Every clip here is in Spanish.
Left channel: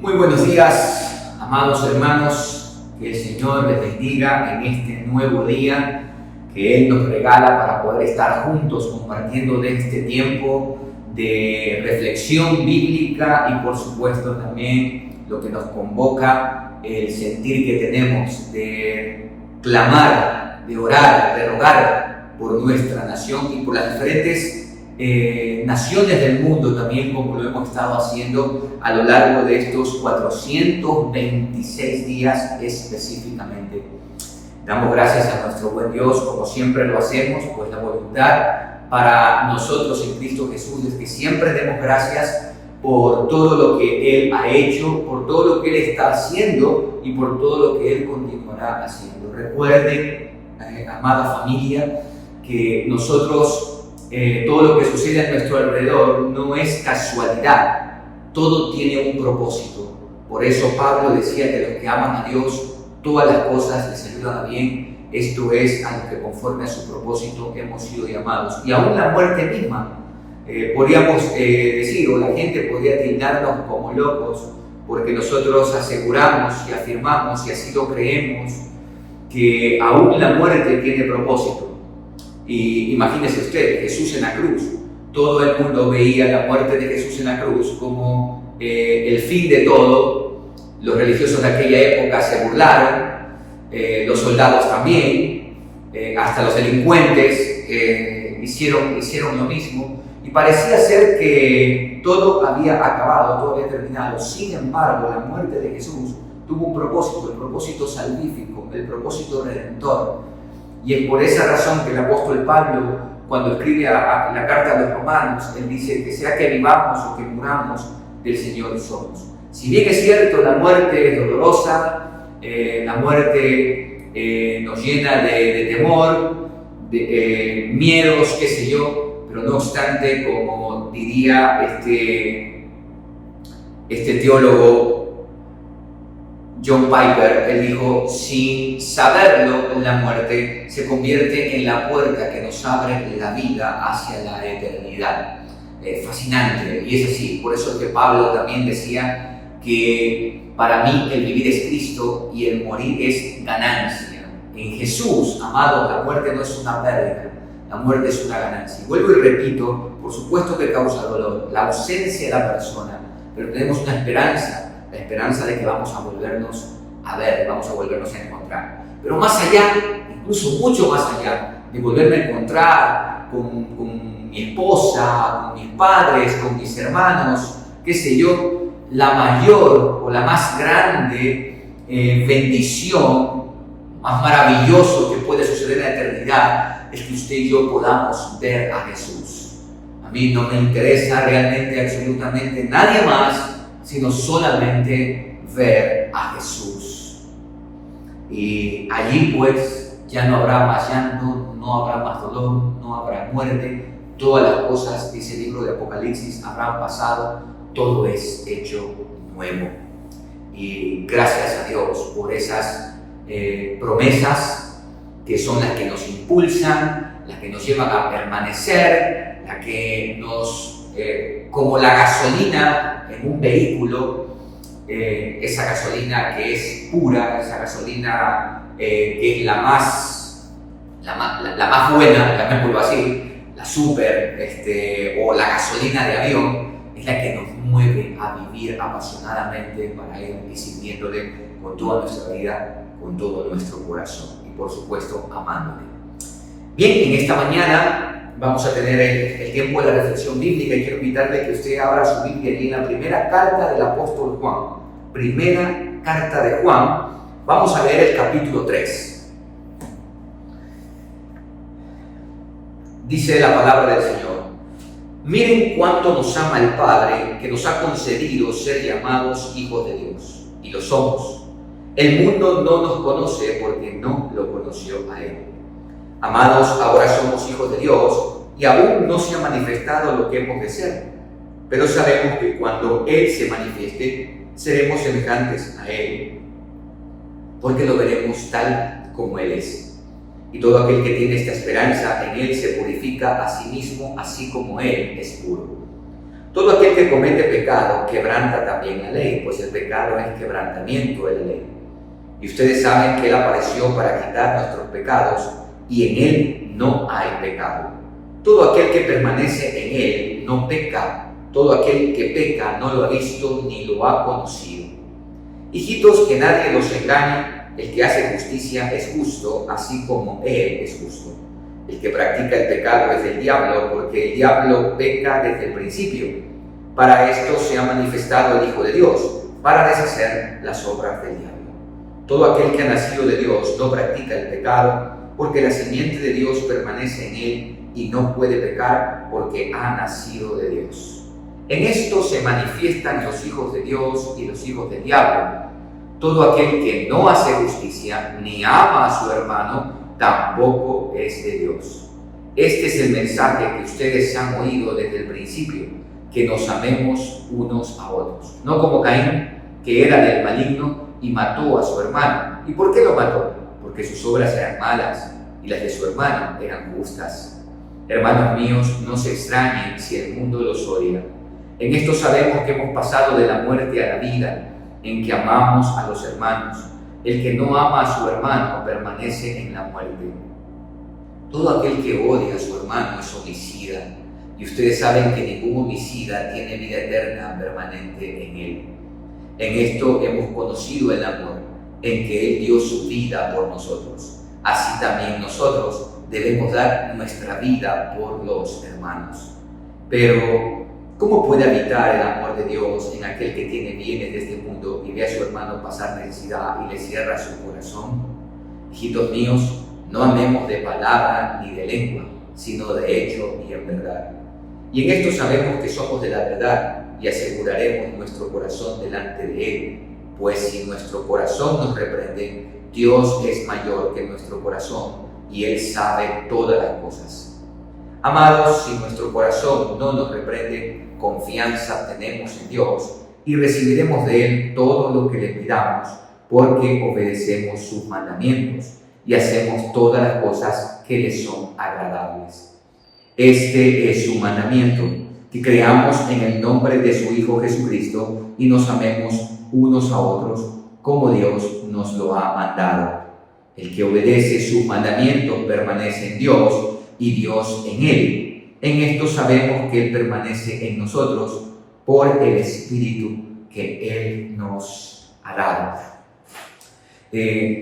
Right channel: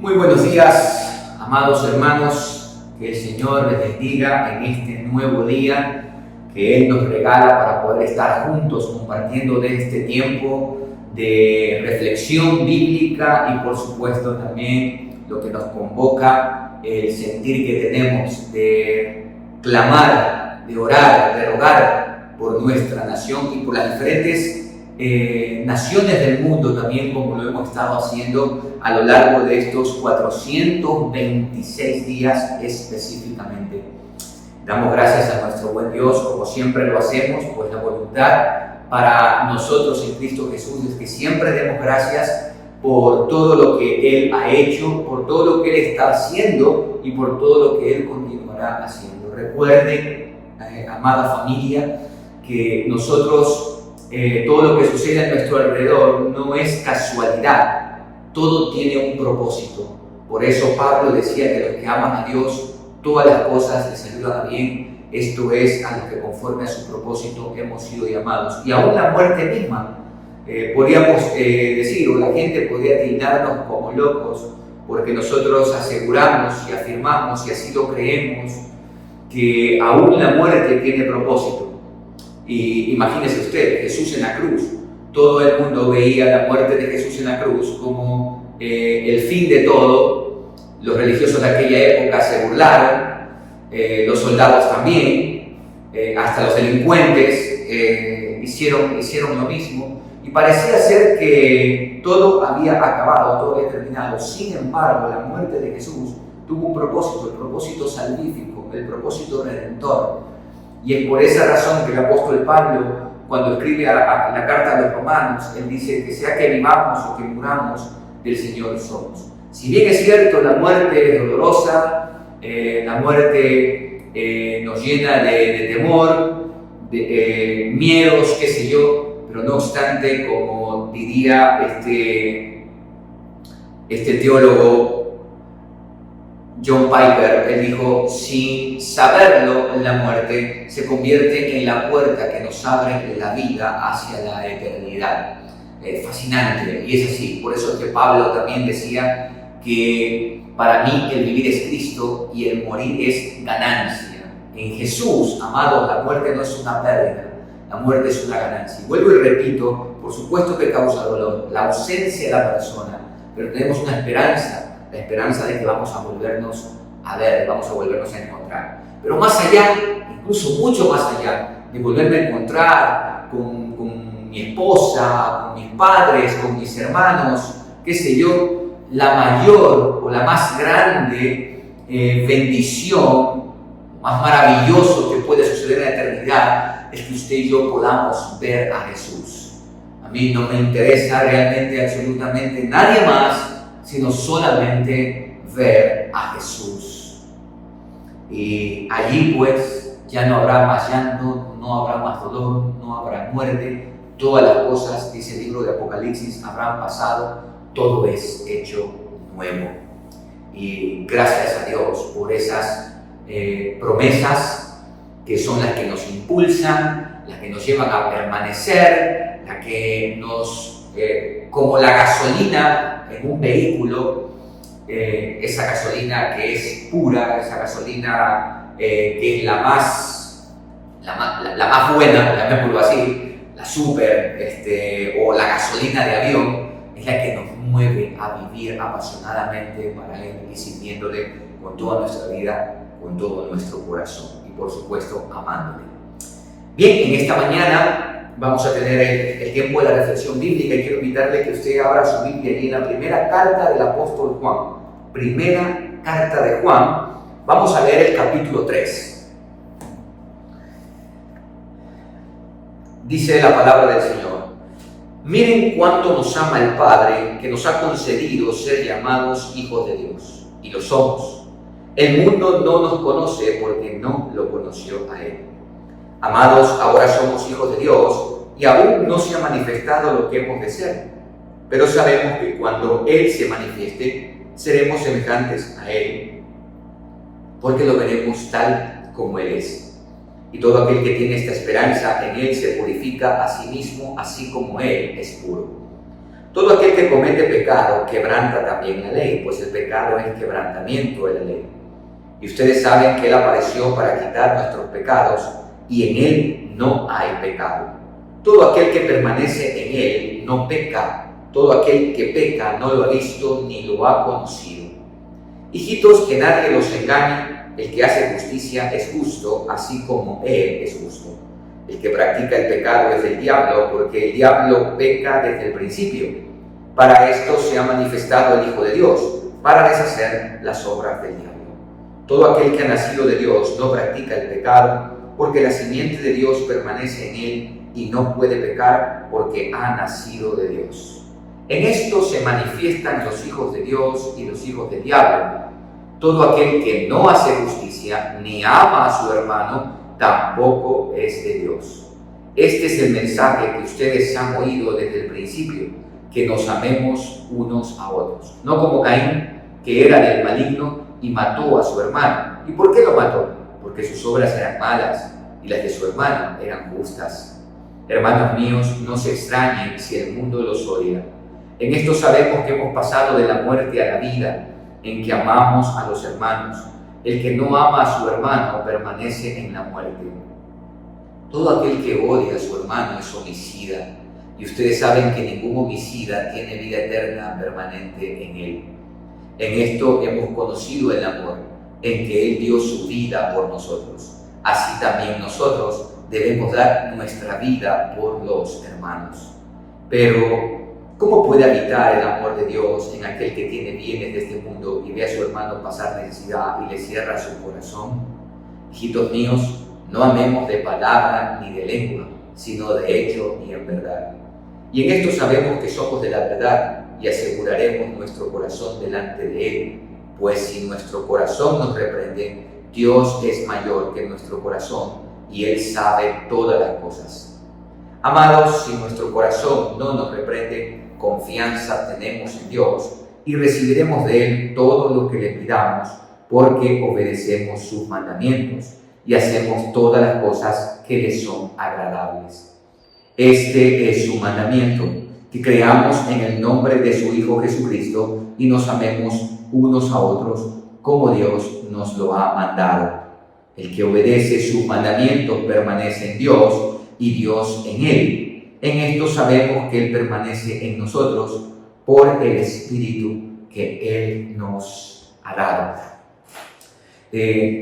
Muy buenos días, amados hermanos, que el Señor les bendiga en este nuevo día que Él nos regala para poder estar juntos compartiendo de este tiempo de reflexión bíblica y por supuesto también lo que nos convoca el sentir que tenemos de clamar, de orar, de rogar por nuestra nación y por las diferentes naciones del mundo también, como lo hemos estado haciendo a lo largo de estos 426 días específicamente. Damos gracias a nuestro buen Dios, como siempre lo hacemos, pues la voluntad para nosotros en Cristo Jesús es que siempre demos gracias por todo lo que Él ha hecho, por todo lo que Él está haciendo y por todo lo que Él continuará haciendo. Recuerden, amada familia, que nosotros todo lo que sucede a nuestro alrededor no es casualidad, todo tiene un propósito. Por eso Pablo decía que los que aman a Dios, todas las cosas les ayudan a bien, esto es, a los que conforme a su propósito hemos sido llamados. Y aún la muerte misma, podríamos decir, o la gente podría tildarnos como locos, porque nosotros aseguramos y afirmamos, y así lo creemos, que aún la muerte tiene propósito. Y imagínese usted, Jesús en la cruz. Todo el mundo veía la muerte de Jesús en la cruz como el fin de todo. Los religiosos de aquella época se burlaron, los soldados también, hasta los delincuentes hicieron lo mismo. Y parecía ser que todo había acabado, todo había terminado. Sin embargo, la muerte de Jesús tuvo un propósito, el propósito salvífico, el propósito redentor. Y es por esa razón que el apóstol Pablo, cuando escribe la carta a los romanos, él dice que sea que vivamos o que muramos, del Señor somos. Si bien es cierto, la muerte es dolorosa, la muerte nos llena de temor, de miedos, qué sé yo, pero no obstante, como diría este teólogo John Piper, él dijo, sin saberlo, la muerte se convierte en la puerta que nos abre la vida hacia la eternidad. Fascinante, y es así. Por eso es que Pablo también decía que para mí el vivir es Cristo y el morir es ganancia. En Jesús, amados, la muerte no es una pérdida, la muerte es una ganancia. Y vuelvo y repito, por supuesto que causa dolor, la ausencia de la persona, pero tenemos una esperanza, la esperanza de que vamos a volvernos a ver, vamos a volvernos a encontrar. Pero más allá, incluso mucho más allá, de volverme a encontrar con mi esposa, con mis padres, con mis hermanos, qué sé yo, la mayor o la más grande bendición, más maravilloso que puede suceder en la eternidad, es que usted y yo podamos ver a Jesús. A mí no me interesa realmente absolutamente nadie más, sino solamente ver a Jesús. Y allí pues ya no habrá más llanto, no habrá más dolor, no habrá muerte. Todas las cosas, dice el libro de Apocalipsis, habrán pasado, todo es hecho nuevo. Y gracias a Dios por esas promesas que son las que nos impulsan, las que nos llevan a permanecer, las que nos, como la gasolina en un vehículo, esa gasolina que es pura, esa gasolina que es la más buena, llamémoslo así, la super, o la gasolina de avión, es la que nos mueve a vivir apasionadamente para Él y sirviéndole con toda nuestra vida, con todo nuestro corazón y por supuesto amándole. Bien, en esta mañana vamos a tener el tiempo de la reflexión bíblica y quiero invitarle que usted abra su Biblia allí en la primera carta del apóstol Juan. Primera carta de Juan, vamos a leer el capítulo 3. Dice la palabra del Señor: miren cuánto nos ama el Padre, que nos ha concedido ser llamados hijos de Dios, y lo somos. El mundo no nos conoce porque no lo conoció a Él. Amados, ahora somos hijos de Dios y aún no se ha manifestado lo que hemos de ser, pero sabemos que cuando Él se manifieste, seremos semejantes a Él, porque lo veremos tal como Él es. Y todo aquel que tiene esta esperanza en Él se purifica a sí mismo, así como Él es puro. Todo aquel que comete pecado quebranta también la ley, pues el pecado es quebrantamiento de la ley. Y ustedes saben que Él apareció para quitar nuestros pecados y en Él no hay pecado. Todo aquel que permanece en Él no peca. Todo aquel que peca no lo ha visto ni lo ha conocido. Hijitos, que nadie los engañe. El que hace justicia es justo, así como Él es justo. El que practica el pecado es del diablo, porque el diablo peca desde el principio. Para esto se ha manifestado el Hijo de Dios, para deshacer las obras del diablo. Todo aquel que ha nacido de Dios no practica el pecado, porque la simiente de Dios permanece en él y no puede pecar porque ha nacido de Dios. En esto se manifiestan los hijos de Dios y los hijos del diablo. Todo aquel que no hace justicia ni ama a su hermano tampoco es de Dios. Este es el mensaje que ustedes han oído desde el principio, que nos amemos unos a otros. No como Caín, que era del maligno y mató a su hermano. ¿Y por qué lo mató? Porque sus obras eran malas y las de su hermano eran justas. Hermanos míos, no se extrañen si el mundo los odia. En esto sabemos que hemos pasado de la muerte a la vida, en que amamos a los hermanos. El que no ama a su hermano permanece en la muerte. Todo aquel que odia a su hermano es homicida, y ustedes saben que ningún homicida tiene vida eterna permanente en él. En esto hemos conocido el amor, en que Él dio su vida por nosotros. Así también nosotros debemos dar nuestra vida por los hermanos. Pero ¿cómo puede habitar el amor de Dios en aquel que tiene bienes de este mundo y ve a su hermano pasar necesidad y le cierra su corazón? Hijitos míos, no amemos de palabra ni de lengua, sino de hecho y en verdad. Y en esto sabemos que somos de la verdad y aseguraremos nuestro corazón delante de Él, pues si nuestro corazón nos reprende, Dios es mayor que nuestro corazón y Él sabe todas las cosas. Amados, si nuestro corazón no nos reprende, confianza tenemos en Dios y recibiremos de Él todo lo que le pidamos, porque obedecemos sus mandamientos y hacemos todas las cosas que le son agradables. Este es su mandamiento, que creamos en el nombre de su Hijo Jesucristo y nos amemos unos a otros como Dios nos lo ha mandado. El que obedece sus mandamientos permanece en Dios y Dios en él. En esto sabemos que Él permanece en nosotros por el Espíritu que Él nos ha dado.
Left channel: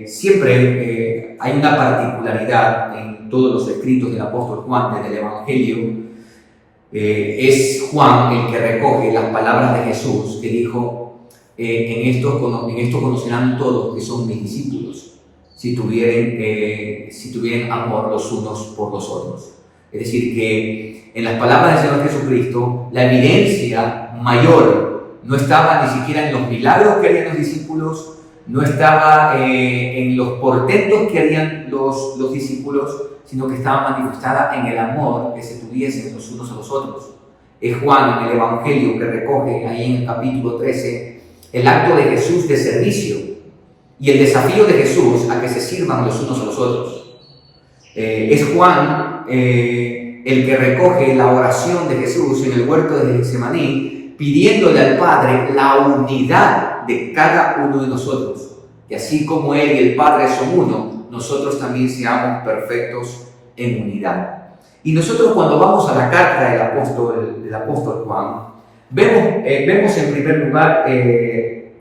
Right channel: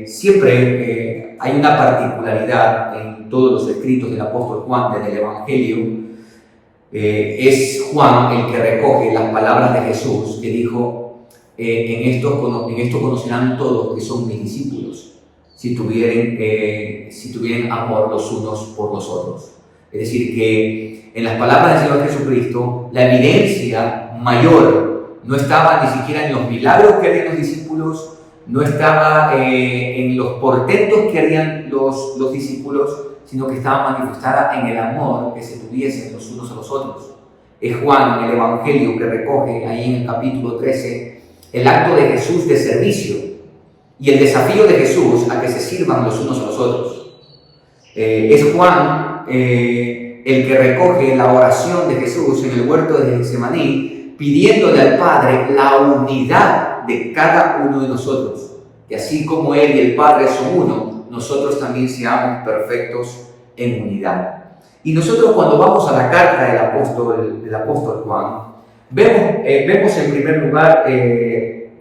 Siempre hay una particularidad en todos los escritos del apóstol Juan, desde el Evangelio. Es Juan el que recoge las palabras de Jesús, que dijo, en esto conocerán todos que son mis discípulos, si tuvieran amor los unos por los otros. Es decir, que en las palabras del Señor Jesucristo, la evidencia mayor no estaba ni siquiera en los milagros que harían los discípulos, no estaba en los portentos que harían los discípulos, sino que estaba manifestada en el amor que se tuviesen los unos a los otros. Es Juan en el Evangelio que recoge ahí en el capítulo 13 el acto de Jesús de servicio y el desafío de Jesús a que se sirvan los unos a los otros. Es Juan el que recoge la oración de Jesús en el huerto de Getsemaní, pidiéndole al Padre la unidad de cada uno de nosotros, que así como Él y el Padre son uno, nosotros también seamos perfectos en unidad. Y nosotros, cuando vamos a la carta del apóstol Juan, vemos en primer lugar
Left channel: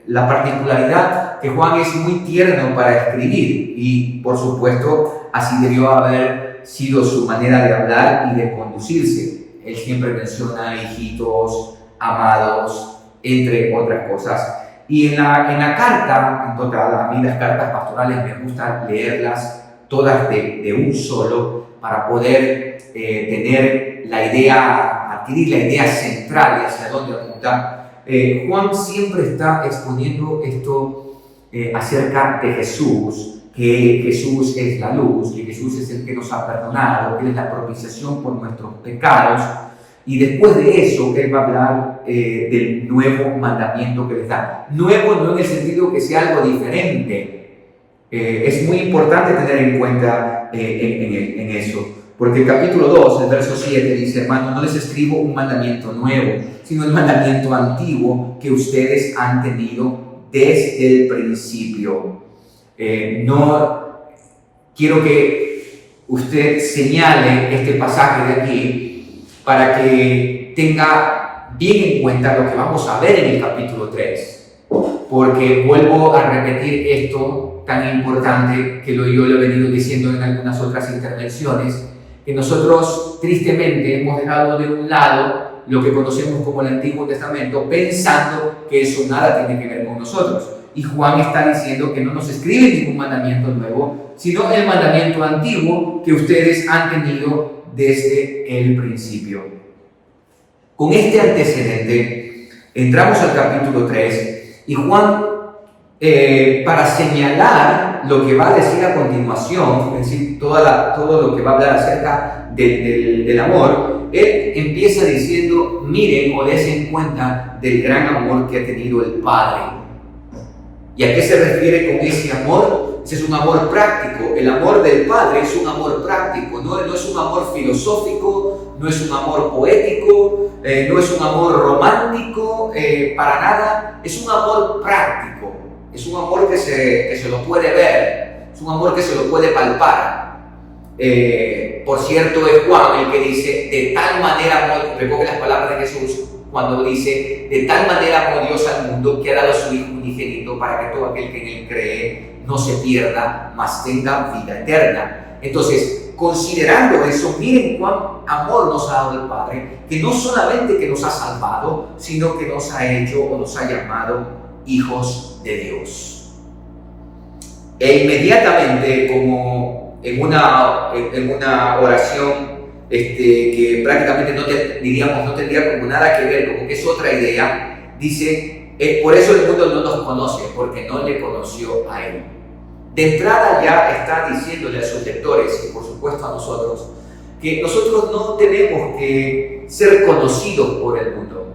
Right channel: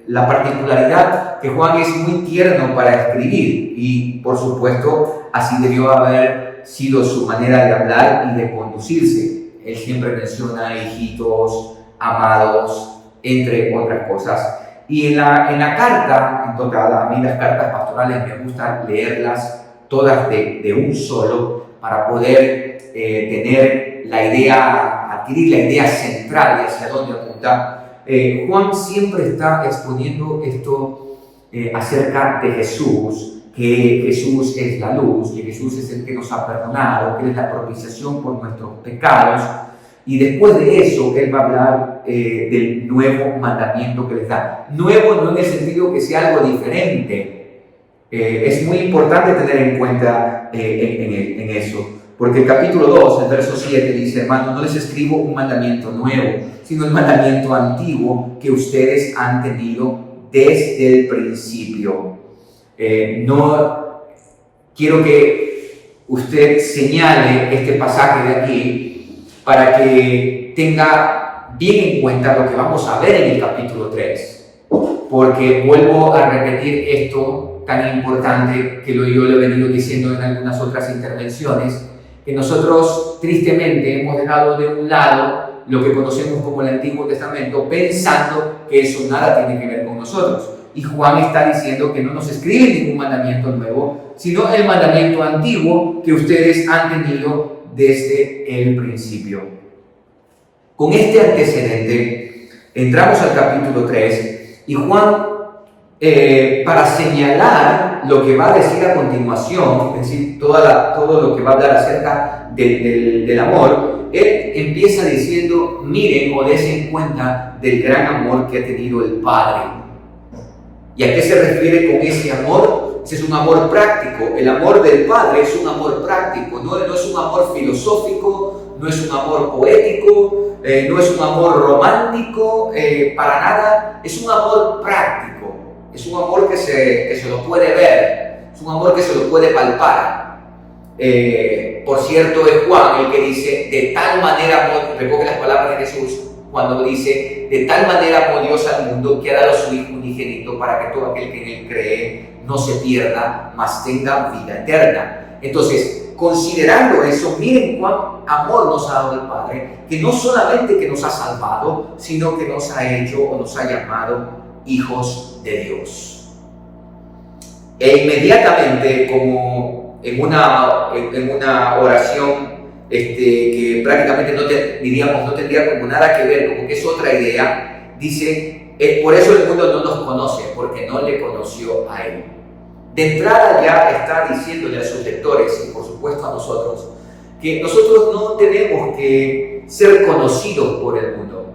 la particularidad que Juan es muy tierno para escribir, y por supuesto así debió haber sido su manera de hablar y de conducirse. Él siempre menciona hijitos, amados, entre otras cosas. Y en la carta, en total, a mí las cartas pastorales me gusta leerlas todas de un solo, para poder tener la idea, adquirir la idea central y hacia dónde apuntar. Juan siempre está exponiendo esto acerca de Jesús, que Jesús es la luz, que Jesús es el que nos ha perdonado, que Él es la propiciación por nuestros pecados. Y después de eso, Él va a hablar del nuevo mandamiento que les da. Nuevo no en el sentido que sea algo diferente. Es muy importante tener en cuenta en eso. Porque el capítulo 2, el verso 7 dice, hermanos, no les escribo un mandamiento nuevo, sino el mandamiento antiguo que ustedes han tenido desde el principio. No quiero que usted señale este pasaje de aquí para que tenga bien en cuenta lo que vamos a ver en el capítulo 3, porque vuelvo a repetir esto tan importante que yo lo he venido diciendo en algunas otras intervenciones, que nosotros tristemente hemos dejado de un lado lo que conocemos como el Antiguo Testamento, pensando que eso nada tiene que ver con nosotros. Y Juan está diciendo que no nos escribe ningún mandamiento nuevo, sino el mandamiento antiguo que ustedes han tenido desde el principio. Con este antecedente, entramos al capítulo 3 y Juan, para señalar lo que va a decir a continuación, es decir, todo lo que va a hablar acerca del amor, él empieza diciendo, miren o dense cuenta del gran amor que ha tenido el Padre. ¿Y a qué se refiere con ese amor? Ese es un amor práctico. El amor del Padre es un amor práctico, no es un amor filosófico, no es un amor poético, no es un amor romántico, para nada. Es un amor práctico. Es un amor que se lo puede ver, es un amor que se lo puede palpar. Por cierto, es Juan el que dice, de tal manera, recoge las palabras de Jesús, cuando dice, de tal manera amó Dios al mundo que ha dado a su Hijo unigénito para que todo aquel que en él cree no se pierda, mas tenga vida eterna. Entonces, considerando eso, miren cuán amor nos ha dado el Padre, que no solamente que nos ha salvado, sino que nos ha hecho o nos ha llamado hijos de Dios. E inmediatamente, como en una oración que prácticamente no tendría como nada que ver, como que es otra idea, dice, por eso el mundo no nos conoce, porque no le conoció a Él. De entrada ya está diciéndole a sus lectores, y por supuesto a nosotros, que nosotros no tenemos que ser conocidos por el mundo.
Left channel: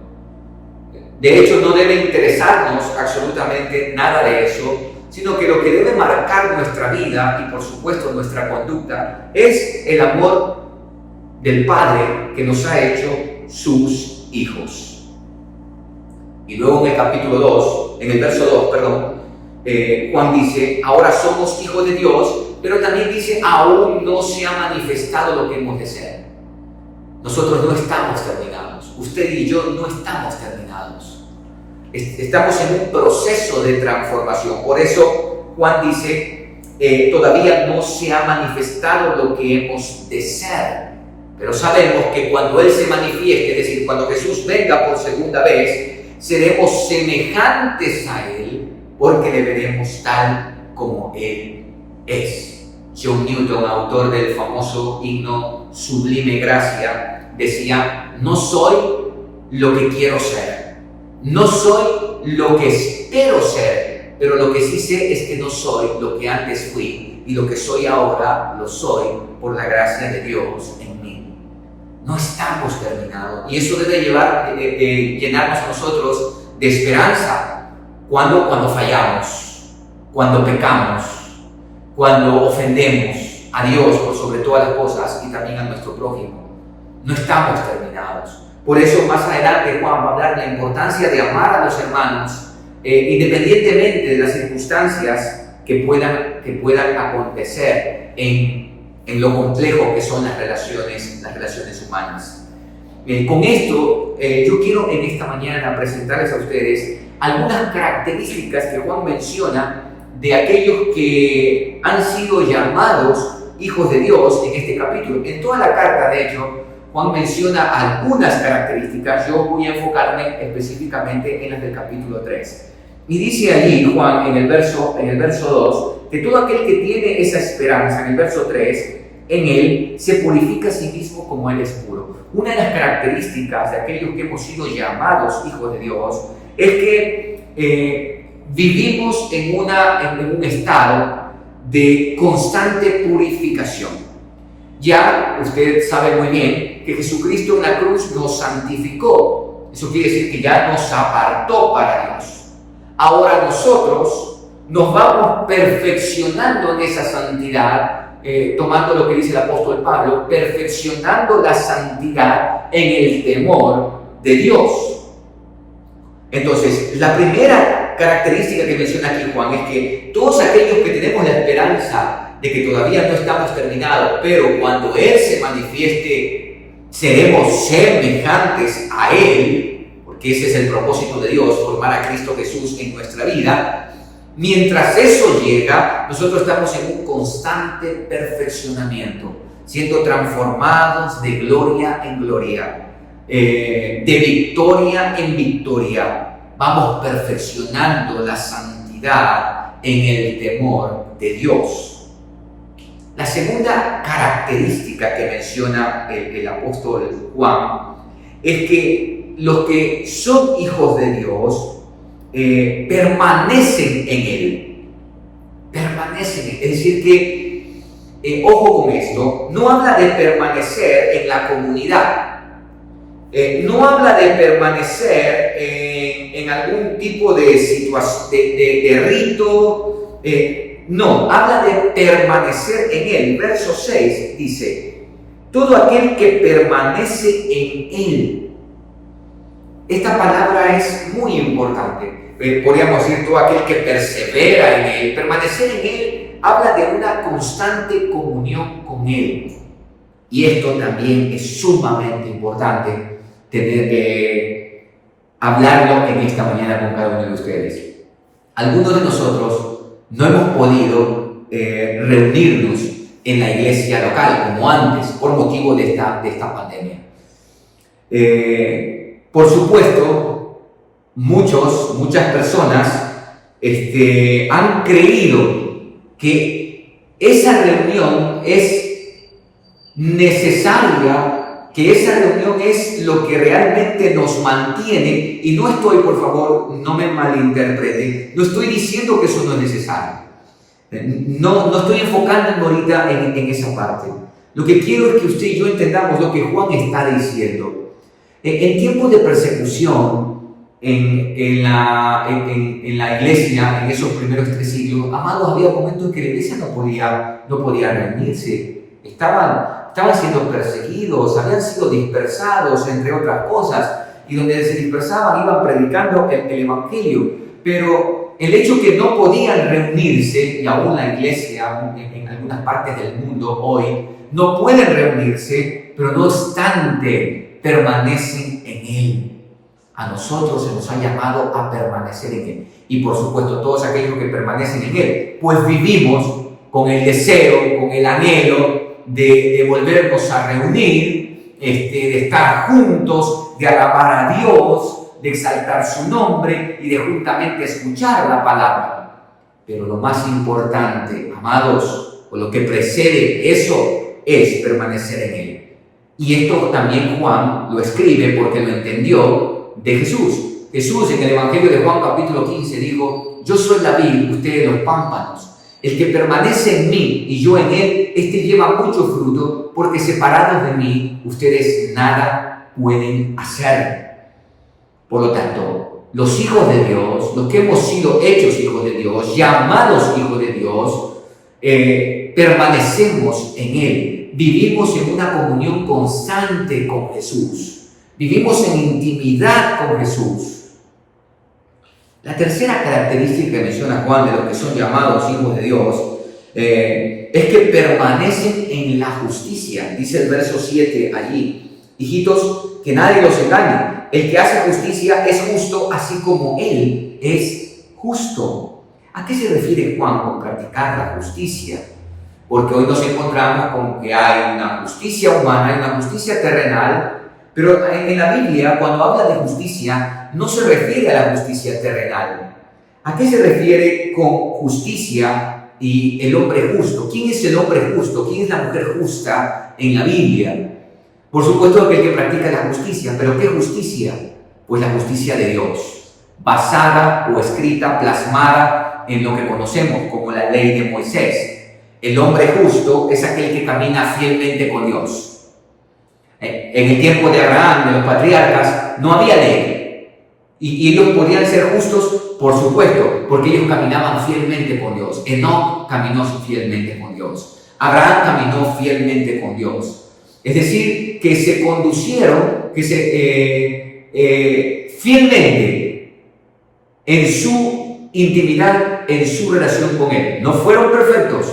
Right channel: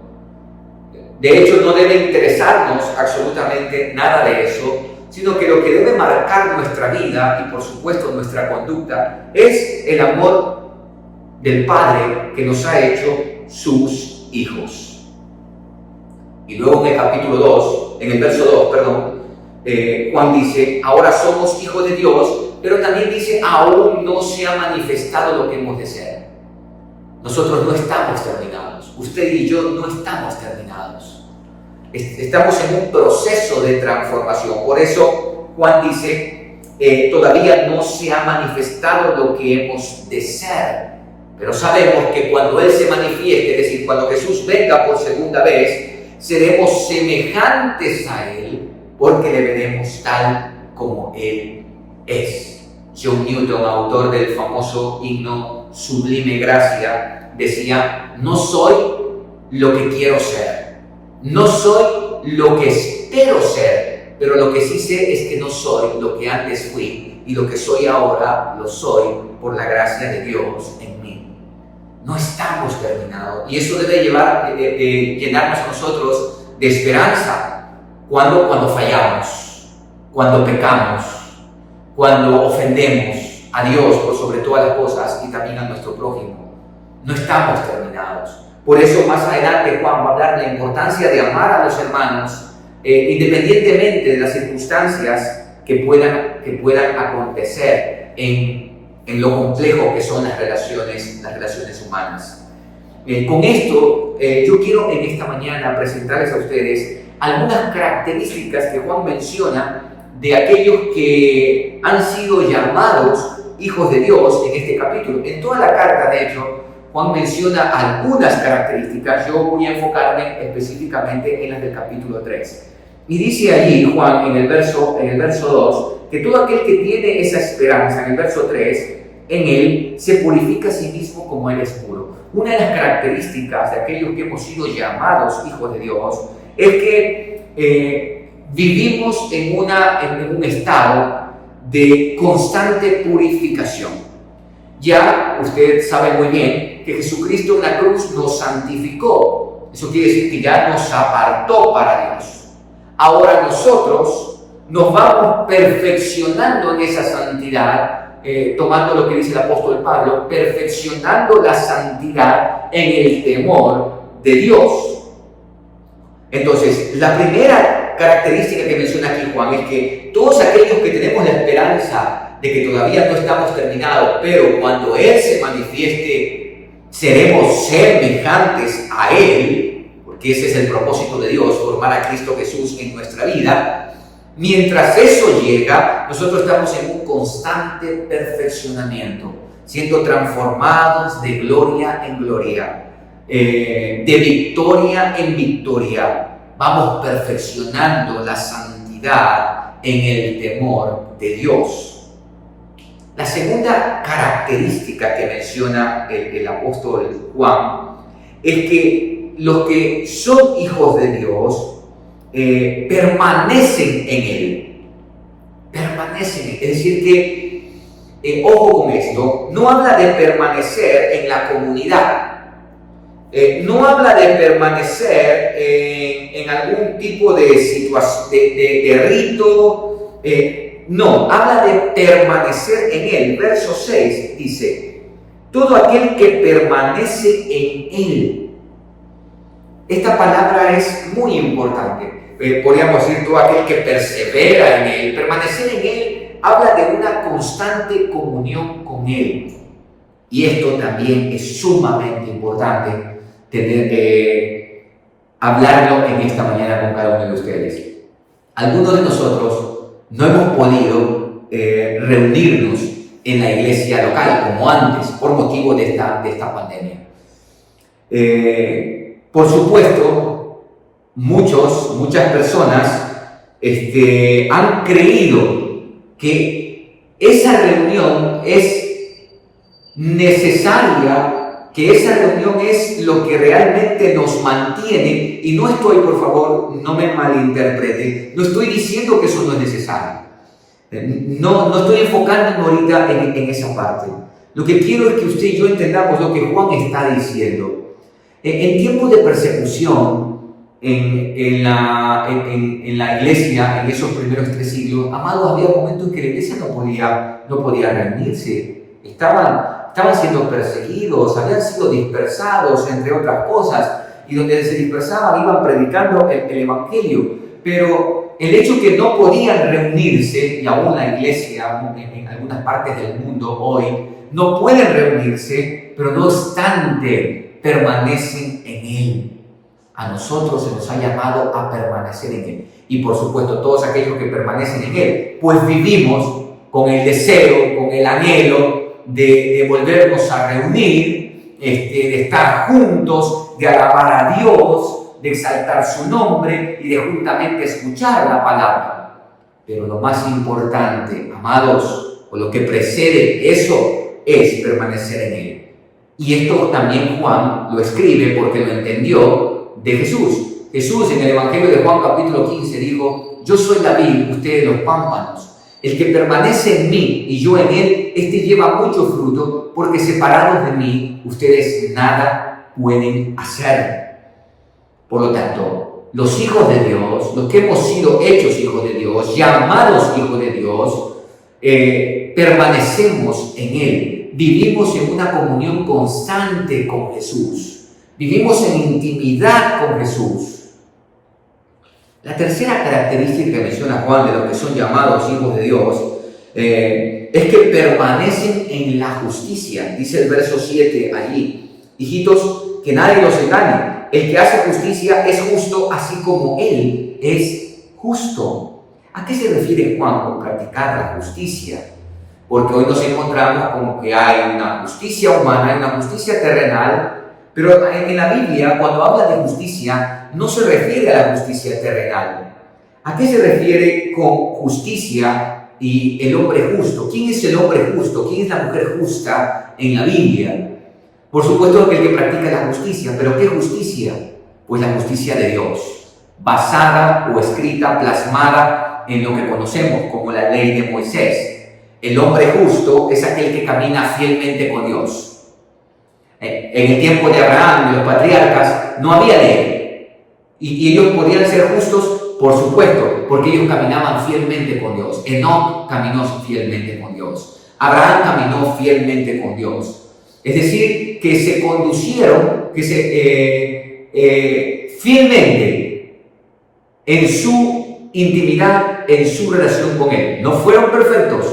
De hecho, no debe interesarnos absolutamente nada de eso, sino que lo que debe marcar nuestra vida y por supuesto nuestra conducta es el amor del Padre que nos ha hecho sus hijos. Y luego en el capítulo 2, en el verso 2, Juan dice, ahora somos hijos de Dios, pero también dice, aún no se ha manifestado lo que hemos de ser. Nosotros no estamos terminados, usted y yo no estamos terminados. Estamos en un proceso de transformación. Por eso Juan dice, todavía no se ha manifestado lo que hemos de ser. Pero sabemos que cuando Él se manifieste, es decir, cuando Jesús venga por segunda vez, seremos semejantes a Él, porque le veremos tal como Él es. John Newton, autor del famoso himno Sublime Gracia, decía, no soy lo que quiero ser, no soy lo que espero ser, pero lo que sí sé es que no soy lo que antes fui, y lo que soy ahora lo soy por la gracia de Dios en mí. No estamos terminados, y eso debe llenarnos a nosotros de esperanza cuando fallamos, cuando pecamos, cuando ofendemos a Dios por sobre todas las cosas y también a nuestro prójimo. No estamos terminados. Por eso más adelante Juan va a hablar de la importancia de amar a los hermanos, independientemente de las circunstancias que puedan acontecer en lo complejo que son las relaciones humanas. Con esto, yo quiero en esta mañana presentarles a ustedes algunas características que Juan menciona de aquellos que han sido llamados hijos de Dios en este capítulo. En toda la carta, de hecho, Juan menciona algunas características. Yo voy a enfocarme específicamente en las del capítulo 3. Y dice allí Juan en el verso 2 que todo aquel que tiene esa esperanza, en el verso 3, en él se purifica a sí mismo como él es puro. Una de las características de aquellos que hemos sido llamados hijos de Dios es que vivimos en un estado de constante purificación. Ya usted sabe muy bien que Jesucristo en la cruz nos santificó. Eso quiere decir que ya nos apartó para Dios. Ahora nosotros nos vamos perfeccionando en esa santidad tomando lo que dice el apóstol Pablo, perfeccionando la santidad en el temor de Dios. Entonces, la primera característica que menciona aquí Juan es que todos aquellos que tenemos la esperanza de que todavía no estamos terminados, pero cuando Él se manifieste, seremos semejantes a Él, porque ese es el propósito de Dios, formar a Cristo Jesús en nuestra vida. Mientras eso llega, nosotros estamos en un constante perfeccionamiento, siendo transformados de gloria en gloria, de victoria en victoria. Vamos perfeccionando la santidad en el temor de Dios. La segunda característica que menciona el apóstol Juan es que los que son hijos de Dios permanecen en Él. Permanecen. Es decir que, ojo con esto, no habla de permanecer en la comunidad. No habla de permanecer en algún tipo de situación, de rito. No, habla de permanecer en Él. Verso 6 dice, todo aquel que permanece en Él. Esta palabra es muy importante. Podríamos decir todo aquel que persevera en Él. Permanecer en Él habla de una constante comunión con Él. Y esto también es sumamente importante tener que hablarlo en esta mañana con cada uno de ustedes. Algunos de nosotros no hemos podido reunirnos en la iglesia local como antes por motivo de esta pandemia. Por supuesto, muchas personas han creído que esa reunión es necesaria, que esa reunión es lo que realmente nos mantiene, y no estoy, por favor, no me malinterpreten, no estoy diciendo que eso no es necesario. No estoy enfocándome ahorita en esa parte. Lo que quiero es que usted y yo entendamos lo que Juan está diciendo. En tiempos de persecución, en la iglesia, en esos primeros 3 siglos, amados, había momentos en que la iglesia no podía reunirse. Estaban siendo perseguidos, habían sido dispersados, entre otras cosas, y donde se dispersaban iban predicando el evangelio. Pero el hecho que no podían reunirse, y aún la iglesia en algunas partes del mundo hoy no pueden reunirse, pero no obstante permanecen en Él. A nosotros se nos ha llamado a permanecer en Él. Y por supuesto, todos aquellos que permanecen en Él, pues vivimos con el deseo, con el anhelo de volvernos a reunir, de estar juntos, de alabar a Dios, de exaltar su nombre y de juntamente escuchar la palabra. Pero lo más importante, amados, o lo que precede eso, es permanecer en Él. Y esto también Juan lo escribe porque lo entendió de Jesús. Jesús en el Evangelio de Juan capítulo 15 dijo, yo soy la vid, ustedes los pámpanos. El que permanece en mí y yo en él, este lleva mucho fruto, porque separados de mí, ustedes nada pueden hacer. Por lo tanto, los hijos de Dios, los que hemos sido hechos hijos de Dios, llamados hijos de Dios, permanecemos en Él. Vivimos en una comunión constante con Jesús. Vivimos en intimidad con Jesús. La tercera característica que menciona Juan de los que son llamados hijos de Dios es que permanecen en la justicia. Dice el verso 7 allí, hijitos, que nadie los engañe. El que hace justicia es justo así como Él es justo. ¿A qué se refiere Juan con practicar la justicia? Porque hoy nos encontramos con que hay una justicia humana, hay una justicia terrenal, pero en la Biblia, cuando habla de justicia, no se refiere a la justicia terrenal. ¿A qué se refiere con justicia y el hombre justo? ¿Quién es el hombre justo? ¿Quién es la mujer justa en la Biblia? Por supuesto que el que practica la justicia, pero ¿qué justicia? Pues la justicia de Dios, basada o escrita, plasmada en lo que conocemos como la ley de Moisés. El hombre justo es aquel que camina fielmente con Dios. En el tiempo de Abraham, de los patriarcas, no había ley. Y ellos podían ser justos, por supuesto, porque ellos caminaban fielmente con Dios. Enoc caminó fielmente con Dios. Abraham caminó fielmente con Dios. Es decir, que se conducieron, fielmente en su intimidad, en su relación con Él. No fueron perfectos,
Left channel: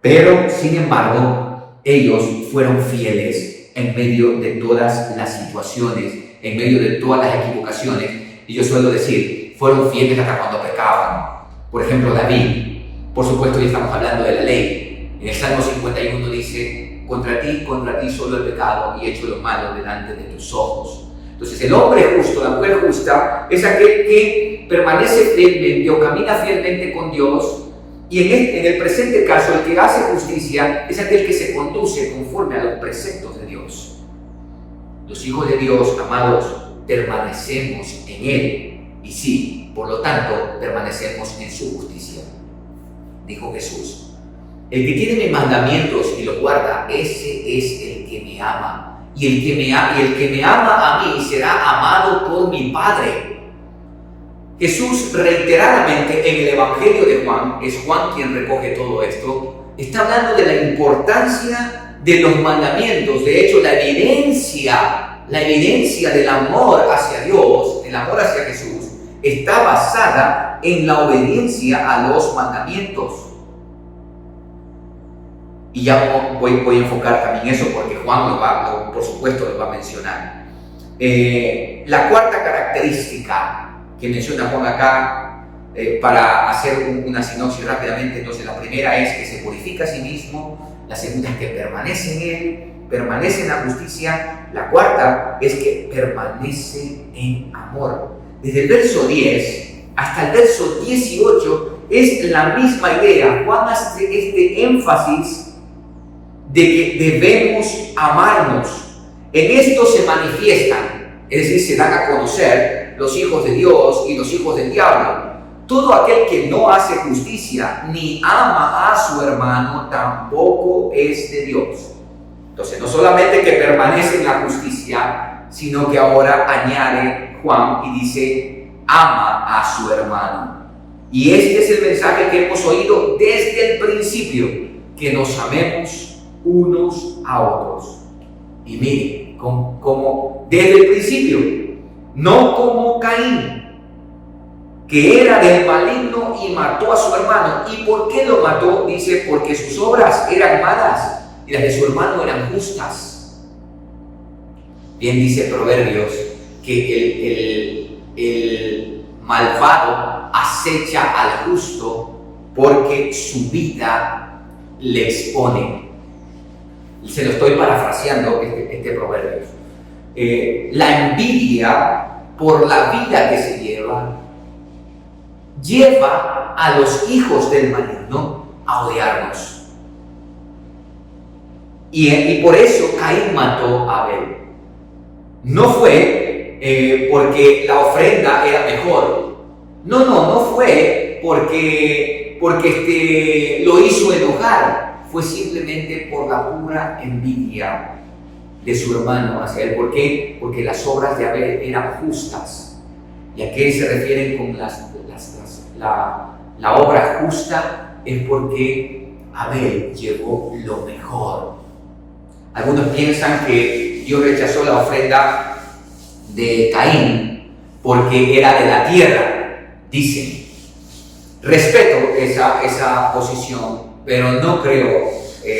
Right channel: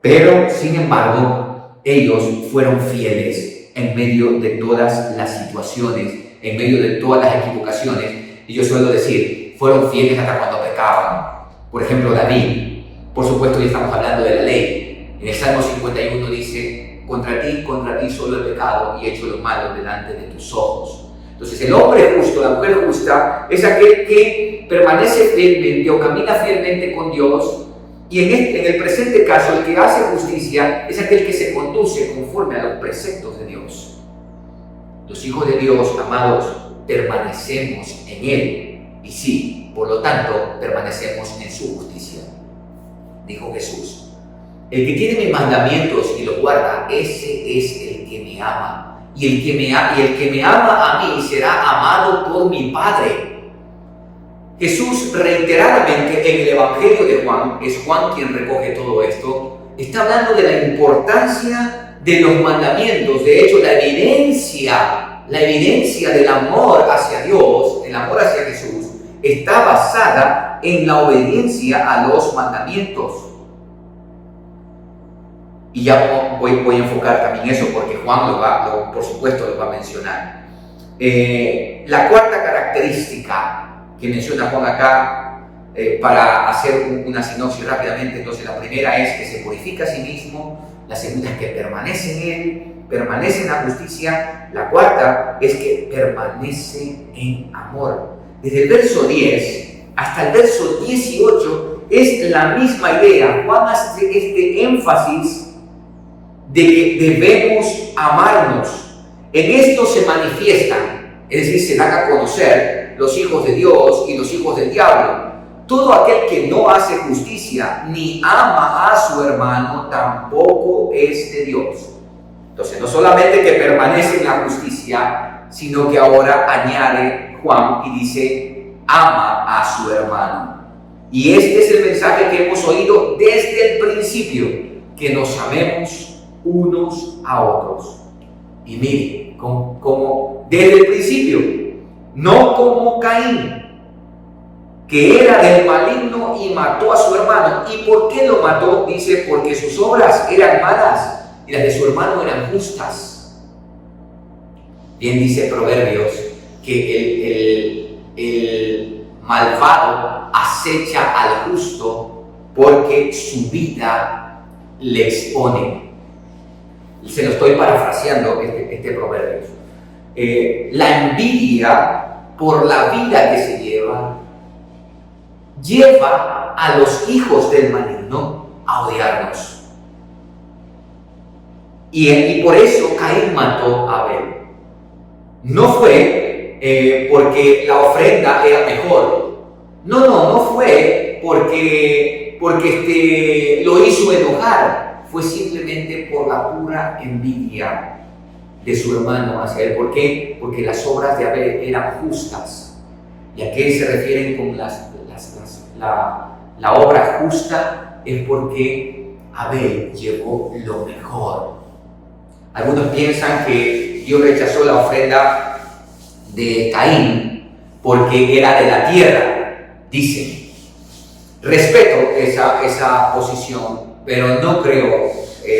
pero sin embargo, ellos fueron fieles en medio de todas las situaciones, en medio de todas las equivocaciones. Y yo suelo decir, fueron fieles hasta cuando pecaban. Por ejemplo, David, por supuesto, ya estamos hablando de la ley. En el Salmo 51 dice, contra ti solo he pecado y he hecho lo malo delante de tus ojos. Entonces, el hombre justo, la mujer justa, es aquel que permanece fielmente o camina fielmente con Dios. Y en el presente caso, el que hace justicia es aquel que se conduce conforme a los preceptos de Dios. Los hijos de Dios, amados, permanecemos en Él. Y sí, por lo tanto, permanecemos en su justicia. Dijo Jesús, el que tiene mis mandamientos y los guarda, ese es el que me ama. Y el que me ama a mí será amado por mi Padre. Jesús reiteradamente en el Evangelio de Juan, es Juan quien recoge todo esto, está hablando de la importancia de los mandamientos. De hecho, la evidencia del amor hacia Dios, el amor hacia Jesús, está basada en la obediencia a los mandamientos. Y ya voy a enfocar también eso porque Juan por supuesto lo va a mencionar. La cuarta característica que menciona Juan acá, para hacer una sinopsis rápidamente, entonces la primera es que se purifica a sí mismo, la segunda es que permanece en Él, permanece en la justicia, la cuarta es que permanece en amor. Desde el verso 10 hasta el verso 18 es la misma idea. Juan hace este énfasis de que debemos amarnos. En esto se manifiestan, es decir, se dan a conocer los hijos de Dios y los hijos del diablo. Todo aquel que no hace justicia ni ama a su hermano tampoco es de Dios. Entonces, no solamente que permanece en la justicia, sino que ahora añade Juan y dice, ama a su hermano. Y este es el mensaje que hemos oído desde el principio, que nos amemos unos a otros. Y mire, como desde el principio, no como Caín, que era del maligno y mató a su hermano. ¿Y por qué lo mató? Dice, porque sus obras eran malas y las de su hermano eran justas. Bien dice Proverbios que el malvado acecha al justo porque su vida le expone. Se lo estoy parafraseando este proverbio. La envidia por la vida que se lleva a los hijos del maligno a odiarnos. Y por eso Caín mató a Abel. No fue porque la ofrenda era mejor. No fue porque lo hizo enojar. Fue simplemente por la pura envidia de su hermano hacia él. ¿Por qué? Porque las obras de Abel eran justas. ¿Y a qué se refieren con la obra justa? Es porque Abel llevó lo mejor. Algunos piensan que Dios rechazó la ofrenda de Caín porque era de la tierra. Dicen, respeto esa posición, pero no creo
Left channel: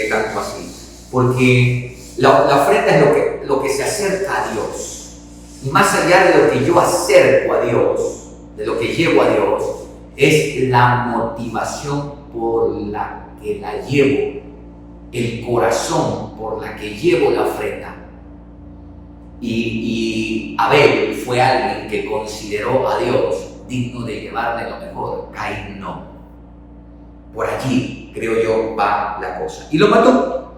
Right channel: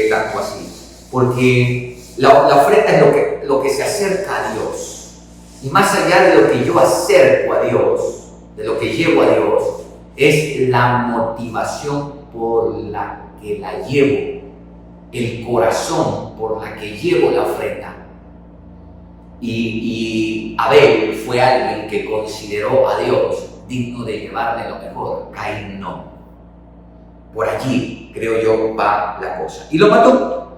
tanto así, porque la ofrenda es lo que se acerca a Dios, y más allá de lo que yo acerco a Dios, de lo que llevo a Dios, es la motivación por la que la llevo, el corazón por la que llevo la ofrenda. Y Abel fue alguien que consideró a Dios digno de llevarle lo mejor, Caín no. Por allí, creo yo, va la cosa. Y lo mató.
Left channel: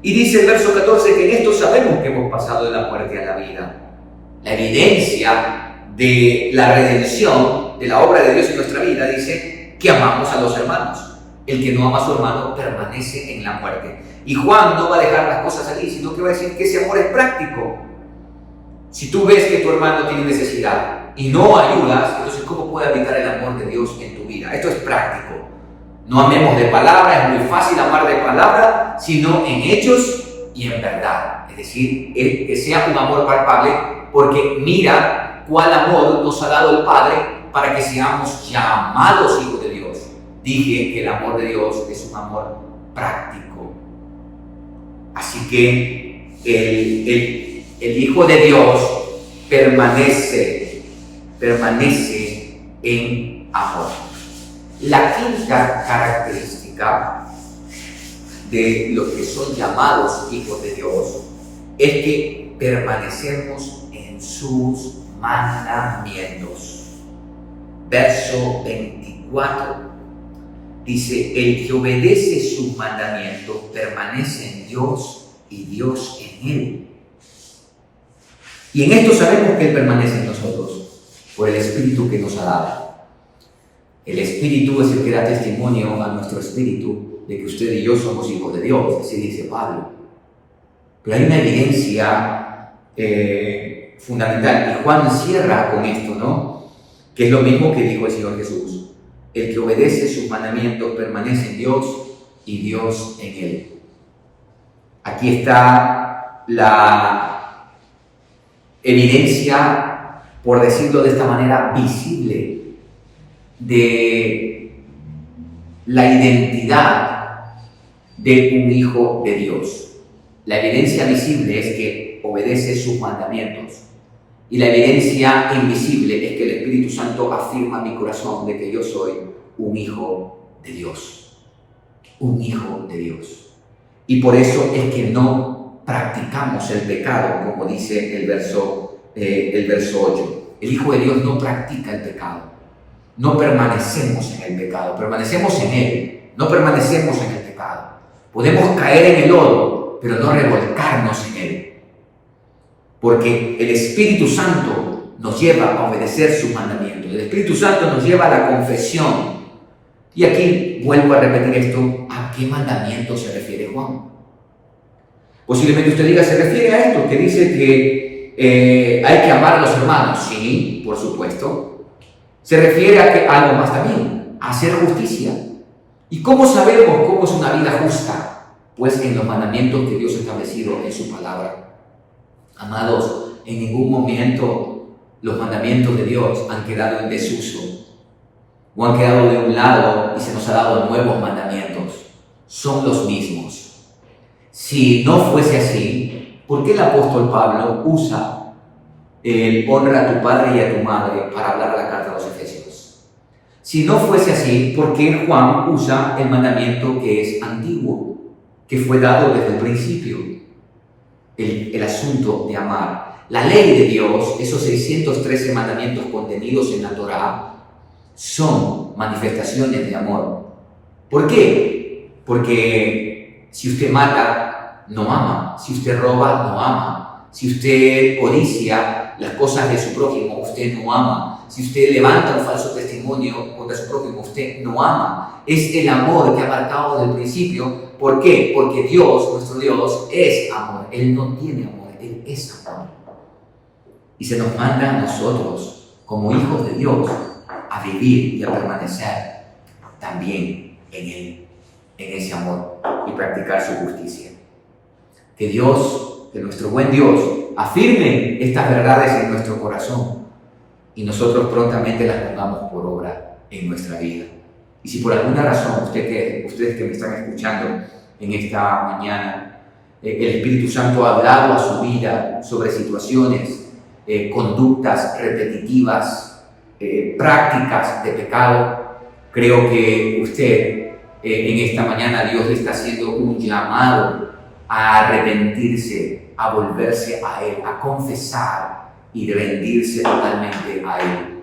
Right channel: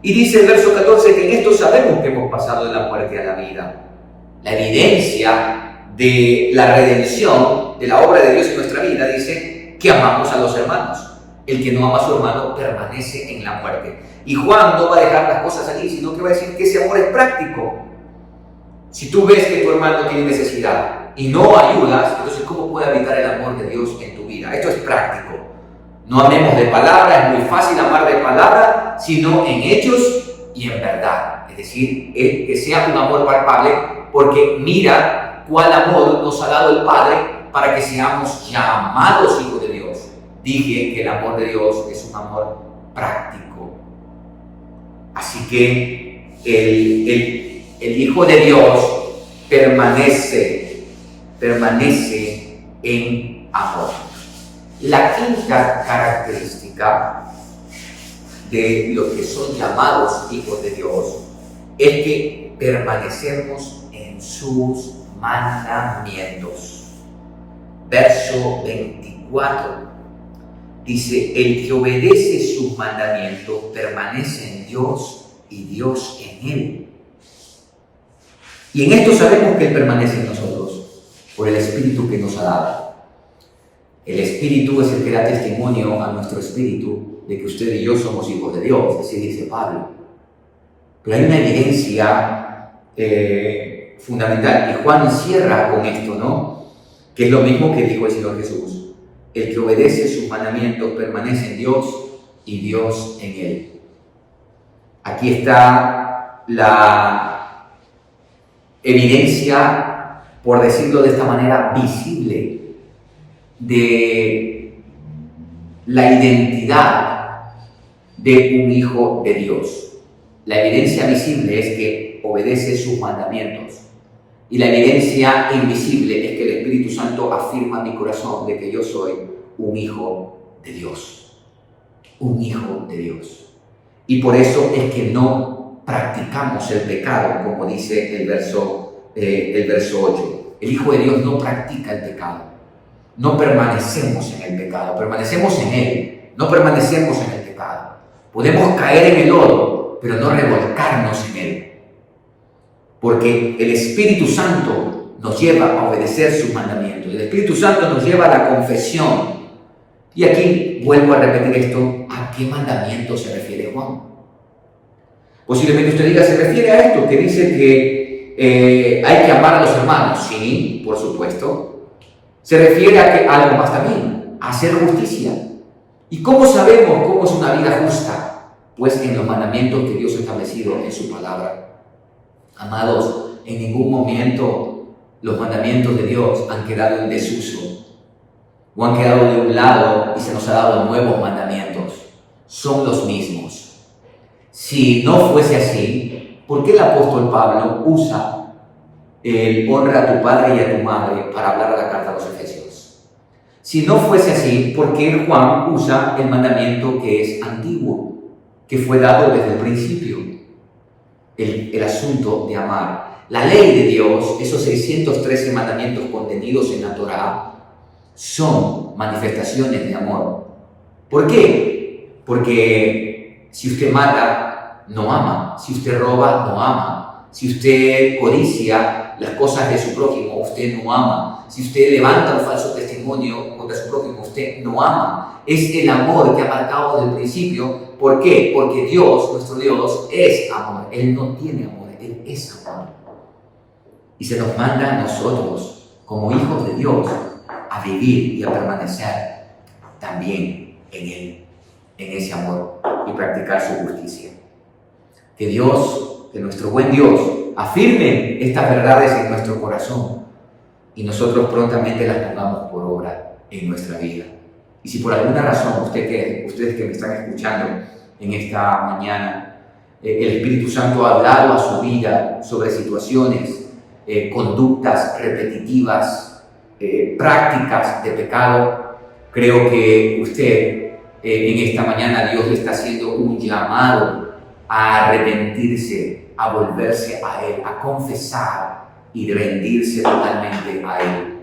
Y dice el verso 14 que en esto sabemos que hemos pasado de la muerte a la vida. La evidencia de la redención, de la obra de Dios en nuestra vida, dice que amamos a los hermanos. El que no ama a su hermano permanece en la muerte. Y Juan no va a dejar las cosas aquí, sino que va a decir que ese amor es práctico. Si tú ves que tu hermano tiene necesidad y no ayudas, entonces ¿cómo puede habitar el amor de Dios en tu vida? Esto es práctico. No amemos de palabra, es muy fácil amar de palabra, sino en hechos y en verdad. Es decir, que sea un amor palpable, porque mira cuál amor nos ha dado el Padre para que seamos llamados hijos de Dios. Dije que el amor de Dios es un amor práctico. Así que el Hijo de Dios permanece en amor. La quinta característica de los que son llamados hijos de Dios es que permanecemos en sus mandamientos. Verso 24 dice: el que obedece sus mandamientos permanece en Dios y Dios en él. Y en esto sabemos que Él permanece en nosotros por el Espíritu que nos ha dado. El Espíritu es el que da testimonio a nuestro espíritu de que usted y yo somos hijos de Dios, así dice Pablo. Pero hay una evidencia fundamental, y Juan cierra con esto, ¿no? Que es lo mismo que dijo el Señor Jesús: el que obedece sus mandamientos permanece en Dios y Dios en él. Aquí está la evidencia, por decirlo de esta manera, visible de la identidad de un hijo de Dios. La evidencia visible es que obedece sus mandamientos, y la evidencia invisible es que el Espíritu Santo afirma en mi corazón de que yo soy un hijo de Dios. Un hijo de Dios. Y por eso es que no practicamos el pecado, como dice el verso 8. El Hijo de Dios no practica el pecado. No permanecemos en el pecado, permanecemos en Él, no permanecemos en el pecado. Podemos caer en el lodo, pero no revolcarnos en Él. Porque el Espíritu Santo nos lleva a obedecer sus mandamientos. El Espíritu Santo nos lleva a la confesión. Y aquí vuelvo a repetir esto: ¿a qué mandamiento se refiere Juan? Posiblemente usted diga, se refiere a esto que dice que hay que amar a los hermanos. Sí, por supuesto. Se refiere a algo más también, a hacer justicia. ¿Y cómo sabemos cómo es una vida justa? Pues en los mandamientos que Dios ha establecido en su palabra. Amados, en ningún momento los mandamientos de Dios han quedado en desuso o han quedado de un lado y se nos ha dado nuevos mandamientos. Son los mismos. Si no fuese así, ¿por qué el apóstol Pablo usa el honra a tu padre y a tu madre para hablar a la carta a los Efesios? Si no fuese así, ¿por qué Juan usa el mandamiento que es antiguo, que fue dado desde el principio? El asunto de amar. La ley de Dios, esos 613 mandamientos contenidos en la Torá, son manifestaciones de amor. ¿Por qué? Porque si usted mata, no ama. Si usted roba, no ama. Si usted codicia las cosas de su prójimo, usted no ama. Si usted levanta un falso testimonio contra su prójimo, usted no ama. Es el amor que ha marcado desde el principio. ¿Por qué? Porque Dios, nuestro Dios, es amor. Él no tiene amor, Él es amor. Y se nos manda a nosotros, como hijos de Dios, a vivir y a permanecer también en Él, en ese amor, y practicar su justicia. Que Dios, que nuestro buen Dios, afirme estas verdades en nuestro corazón y nosotros prontamente las pongamos por obra en nuestra vida. Y si por alguna razón ustedes que me están escuchando en esta mañana, el Espíritu Santo ha hablado a su vida sobre situaciones, conductas repetitivas, prácticas de pecado, creo que usted en esta mañana Dios le está haciendo un llamado a arrepentirse, a volverse a Él, a confesar y rendirse totalmente a Él.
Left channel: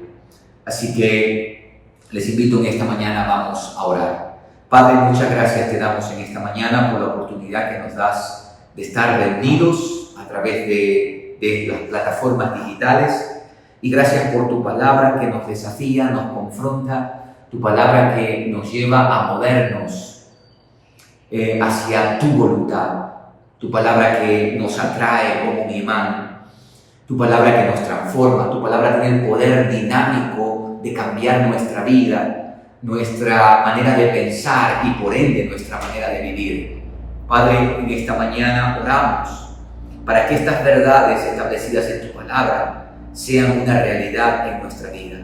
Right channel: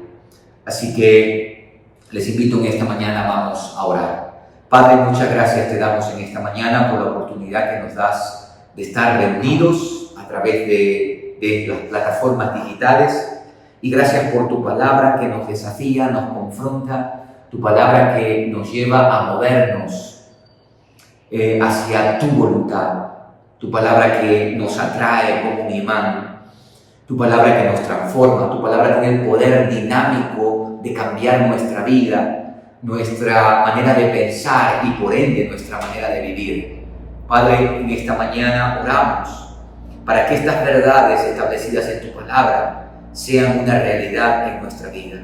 Así que les invito en esta mañana, vamos a orar. Padre, muchas gracias te damos en esta mañana por la oportunidad que nos das de estar reunidos a través de las plataformas digitales, y gracias por tu palabra que nos desafía, nos confronta, tu palabra que nos lleva a movernos hacia tu voluntad, tu palabra que nos atrae como un imán, tu palabra que nos transforma, tu palabra tiene el poder dinámico de cambiar nuestra vida, nuestra manera de pensar y por ende nuestra manera de vivir. Padre, en esta mañana oramos para que estas verdades establecidas en tu palabra sean una realidad en nuestra vida.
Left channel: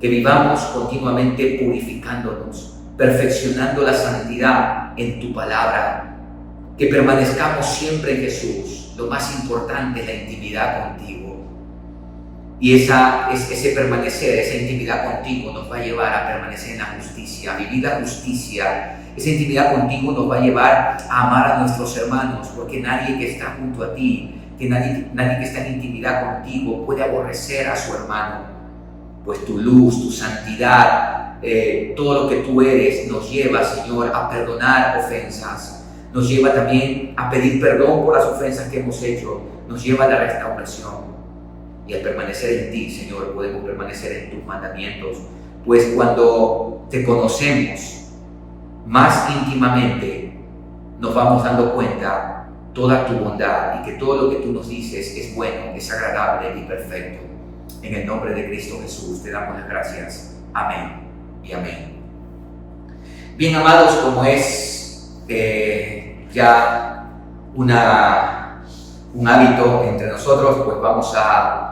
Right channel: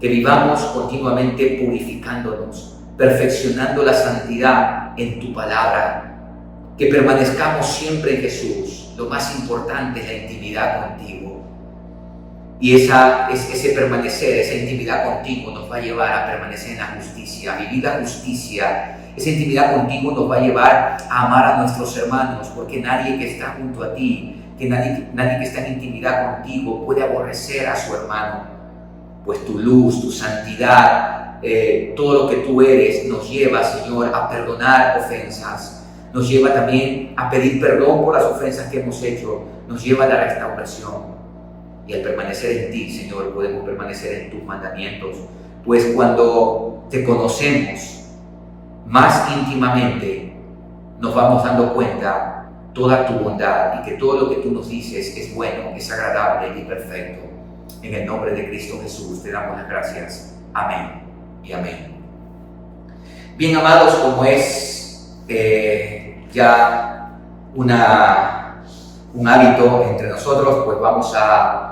Que vivamos continuamente purificándonos, perfeccionando la santidad en tu palabra. Que permanezcamos siempre en Jesús. Lo más importante es la intimidad contigo. Y ese permanecer, esa intimidad contigo nos va a llevar a permanecer en la justicia, a vivir la justicia. Esa intimidad contigo nos va a llevar a amar a nuestros hermanos, porque nadie que está junto a ti, nadie que está en intimidad contigo puede aborrecer a su hermano. Pues tu luz, tu santidad, todo lo que tú eres nos lleva, Señor, a perdonar ofensas. Nos lleva también a pedir perdón por las ofensas que hemos hecho. Nos lleva a la restauración. Y al permanecer en ti, Señor, podemos permanecer en tus mandamientos. Pues cuando te conocemos más íntimamente, nos vamos dando cuenta toda tu bondad y que todo lo que tú nos dices es bueno, es agradable y perfecto. En el nombre de Cristo Jesús te damos las gracias. Amén y amén. Bien, amados, como es ya un hábito entre nosotros, pues vamos a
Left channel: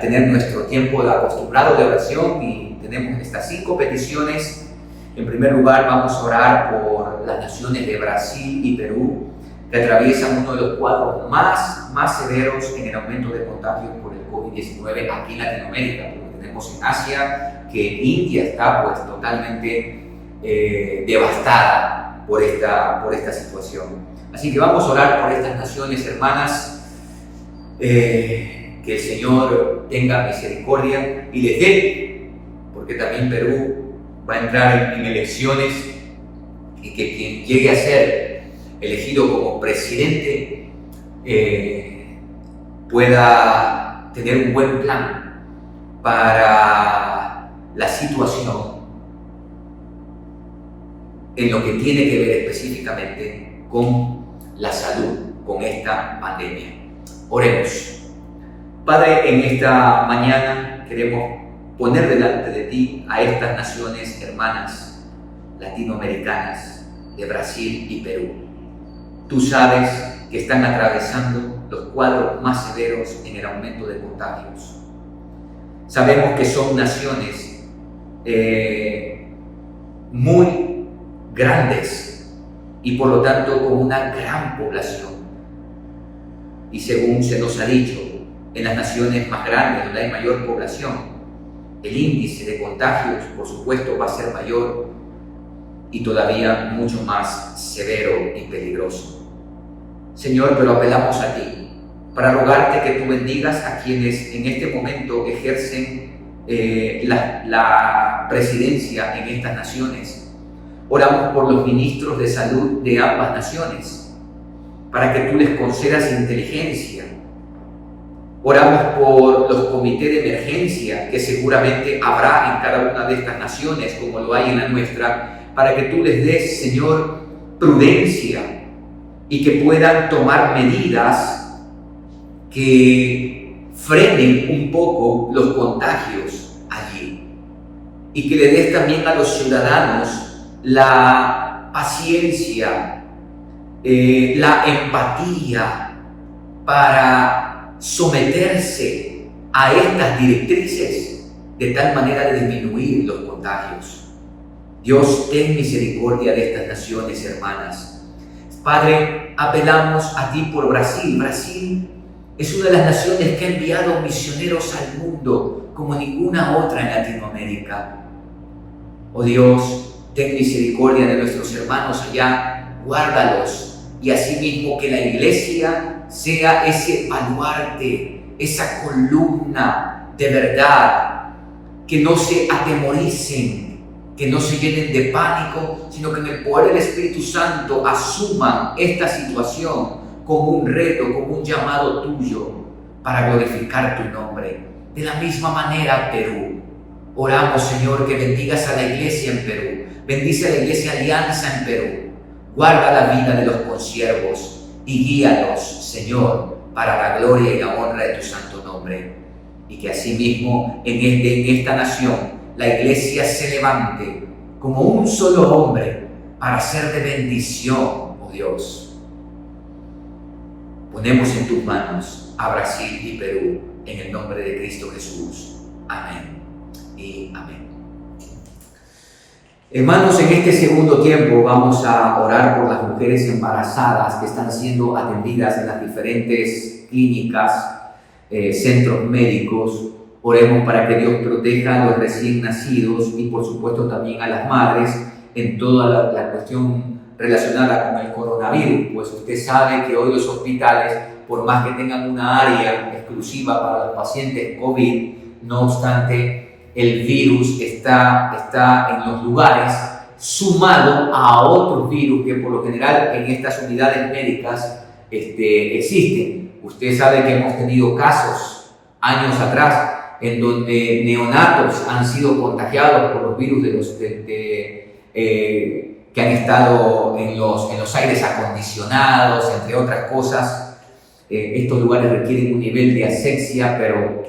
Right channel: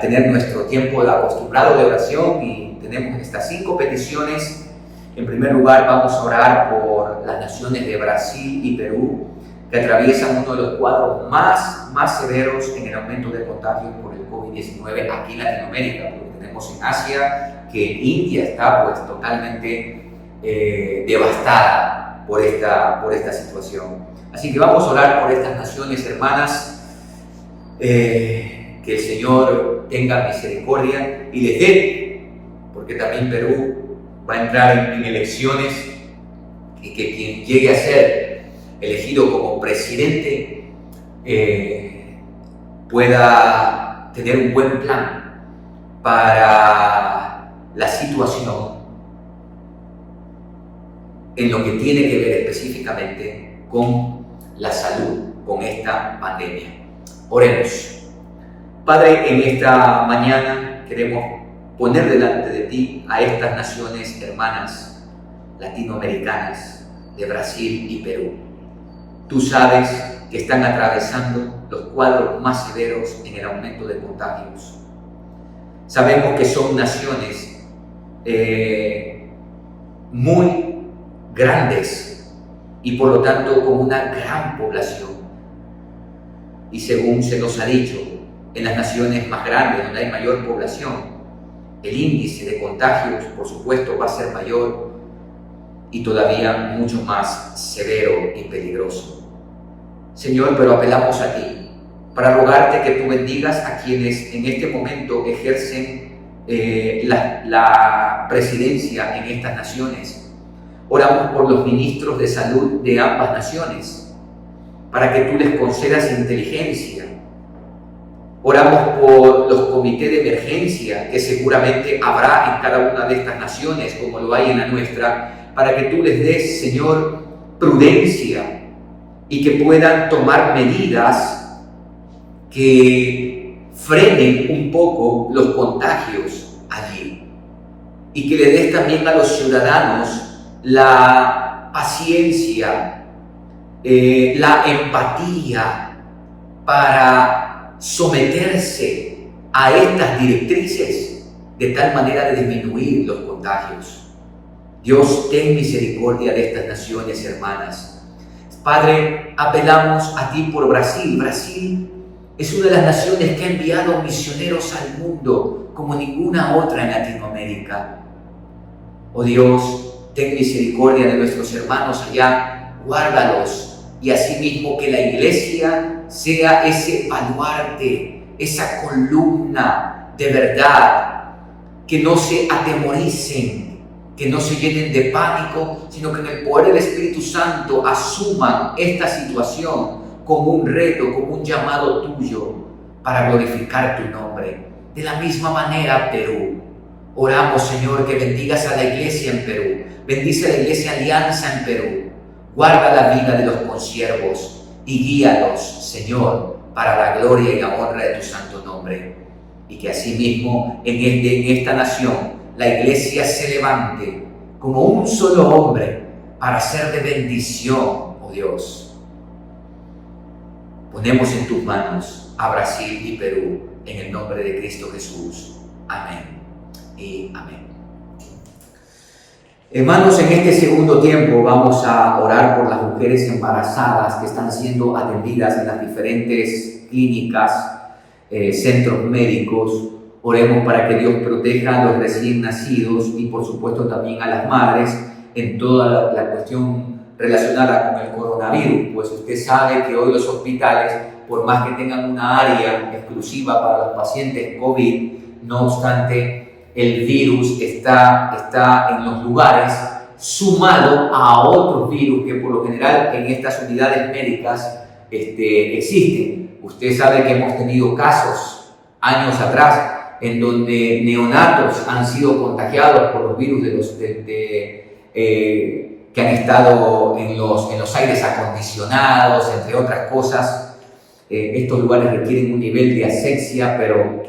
tener nuestro tiempo acostumbrado de oración y tenemos estas 5 peticiones. En primer lugar, vamos a orar por las naciones de Brasil y Perú, que atraviesan uno de los cuadros más severos en el aumento de contagios por el COVID-19 aquí en Latinoamérica, porque tenemos en Asia que India está pues totalmente devastada por esta situación. Así que vamos a orar por estas naciones hermanas, que el Señor tenga misericordia y les dé, porque también Perú va a entrar en elecciones y que quien llegue a ser elegido como presidente pueda tener un buen plan para la situación en lo que tiene que ver específicamente con la salud, con esta pandemia. Oremos. Padre, en esta mañana queremos poner delante de ti a estas naciones hermanas latinoamericanas de Brasil y Perú. Tú sabes que están atravesando los cuadros más severos en el aumento de contagios. Sabemos que son naciones muy grandes y por lo tanto con una gran población. Y según se nos ha dicho, en las naciones más grandes, donde hay mayor población, el índice de contagios, por supuesto, va a ser mayor y todavía mucho más severo y peligroso. Señor, pero apelamos a ti para rogarte que tú bendigas a quienes en este momento ejercen la presidencia en estas naciones. Oramos por los ministros de salud de ambas naciones, para que tú les concedas inteligencia. Oramos por los comités de emergencia que seguramente habrá en cada una de estas naciones, como lo hay en la nuestra, para que tú les des, Señor, prudencia y que puedan tomar medidas que frenen un poco los contagios allí. Y que le des también a los ciudadanos la paciencia, la empatía para someterse a estas directrices de tal manera de disminuir los contagios. Dios, ten misericordia de estas naciones hermanas. Padre, apelamos a ti por Brasil. Brasil es una de las naciones que ha enviado misioneros al mundo como ninguna otra en Latinoamérica. Oh Dios, ten misericordia de nuestros hermanos allá, guárdalos, y asimismo que la iglesia sea ese baluarte, esa columna de verdad, que no se atemoricen, que no se llenen de pánico, sino que en el poder del Espíritu Santo asuman esta situación como un reto, como un llamado tuyo para glorificar tu nombre. De la misma manera, Perú. Oramos, Señor, que bendigas a la iglesia en Perú. Bendice a la iglesia Alianza en Perú. Guarda la vida de los consiervos y guíalos, Señor, para la gloria y la honra de tu santo nombre. Y que asimismo en esta nación la iglesia se levante como un solo hombre, para ser de bendición, oh Dios. Ponemos en tus manos a Brasil y Perú, en el nombre de Cristo Jesús. Amén y amén. Hermanos, en este segundo tiempo vamos a orar por las mujeres embarazadas que están siendo atendidas en las diferentes clínicas, centros médicos. Oremos para que Dios proteja a los recién nacidos y por supuesto también a las madres en toda la cuestión relacionada con el coronavirus, pues usted sabe que hoy los hospitales, por más que tengan una área exclusiva para los pacientes COVID, no obstante, el virus está en los lugares sumado a otros virus que por lo general en estas unidades médicas existen. Usted sabe que hemos tenido casos años atrás en donde neonatos han sido contagiados por los virus que han estado en los aires acondicionados, entre otras cosas. Estos lugares requieren un nivel de asepsia, pero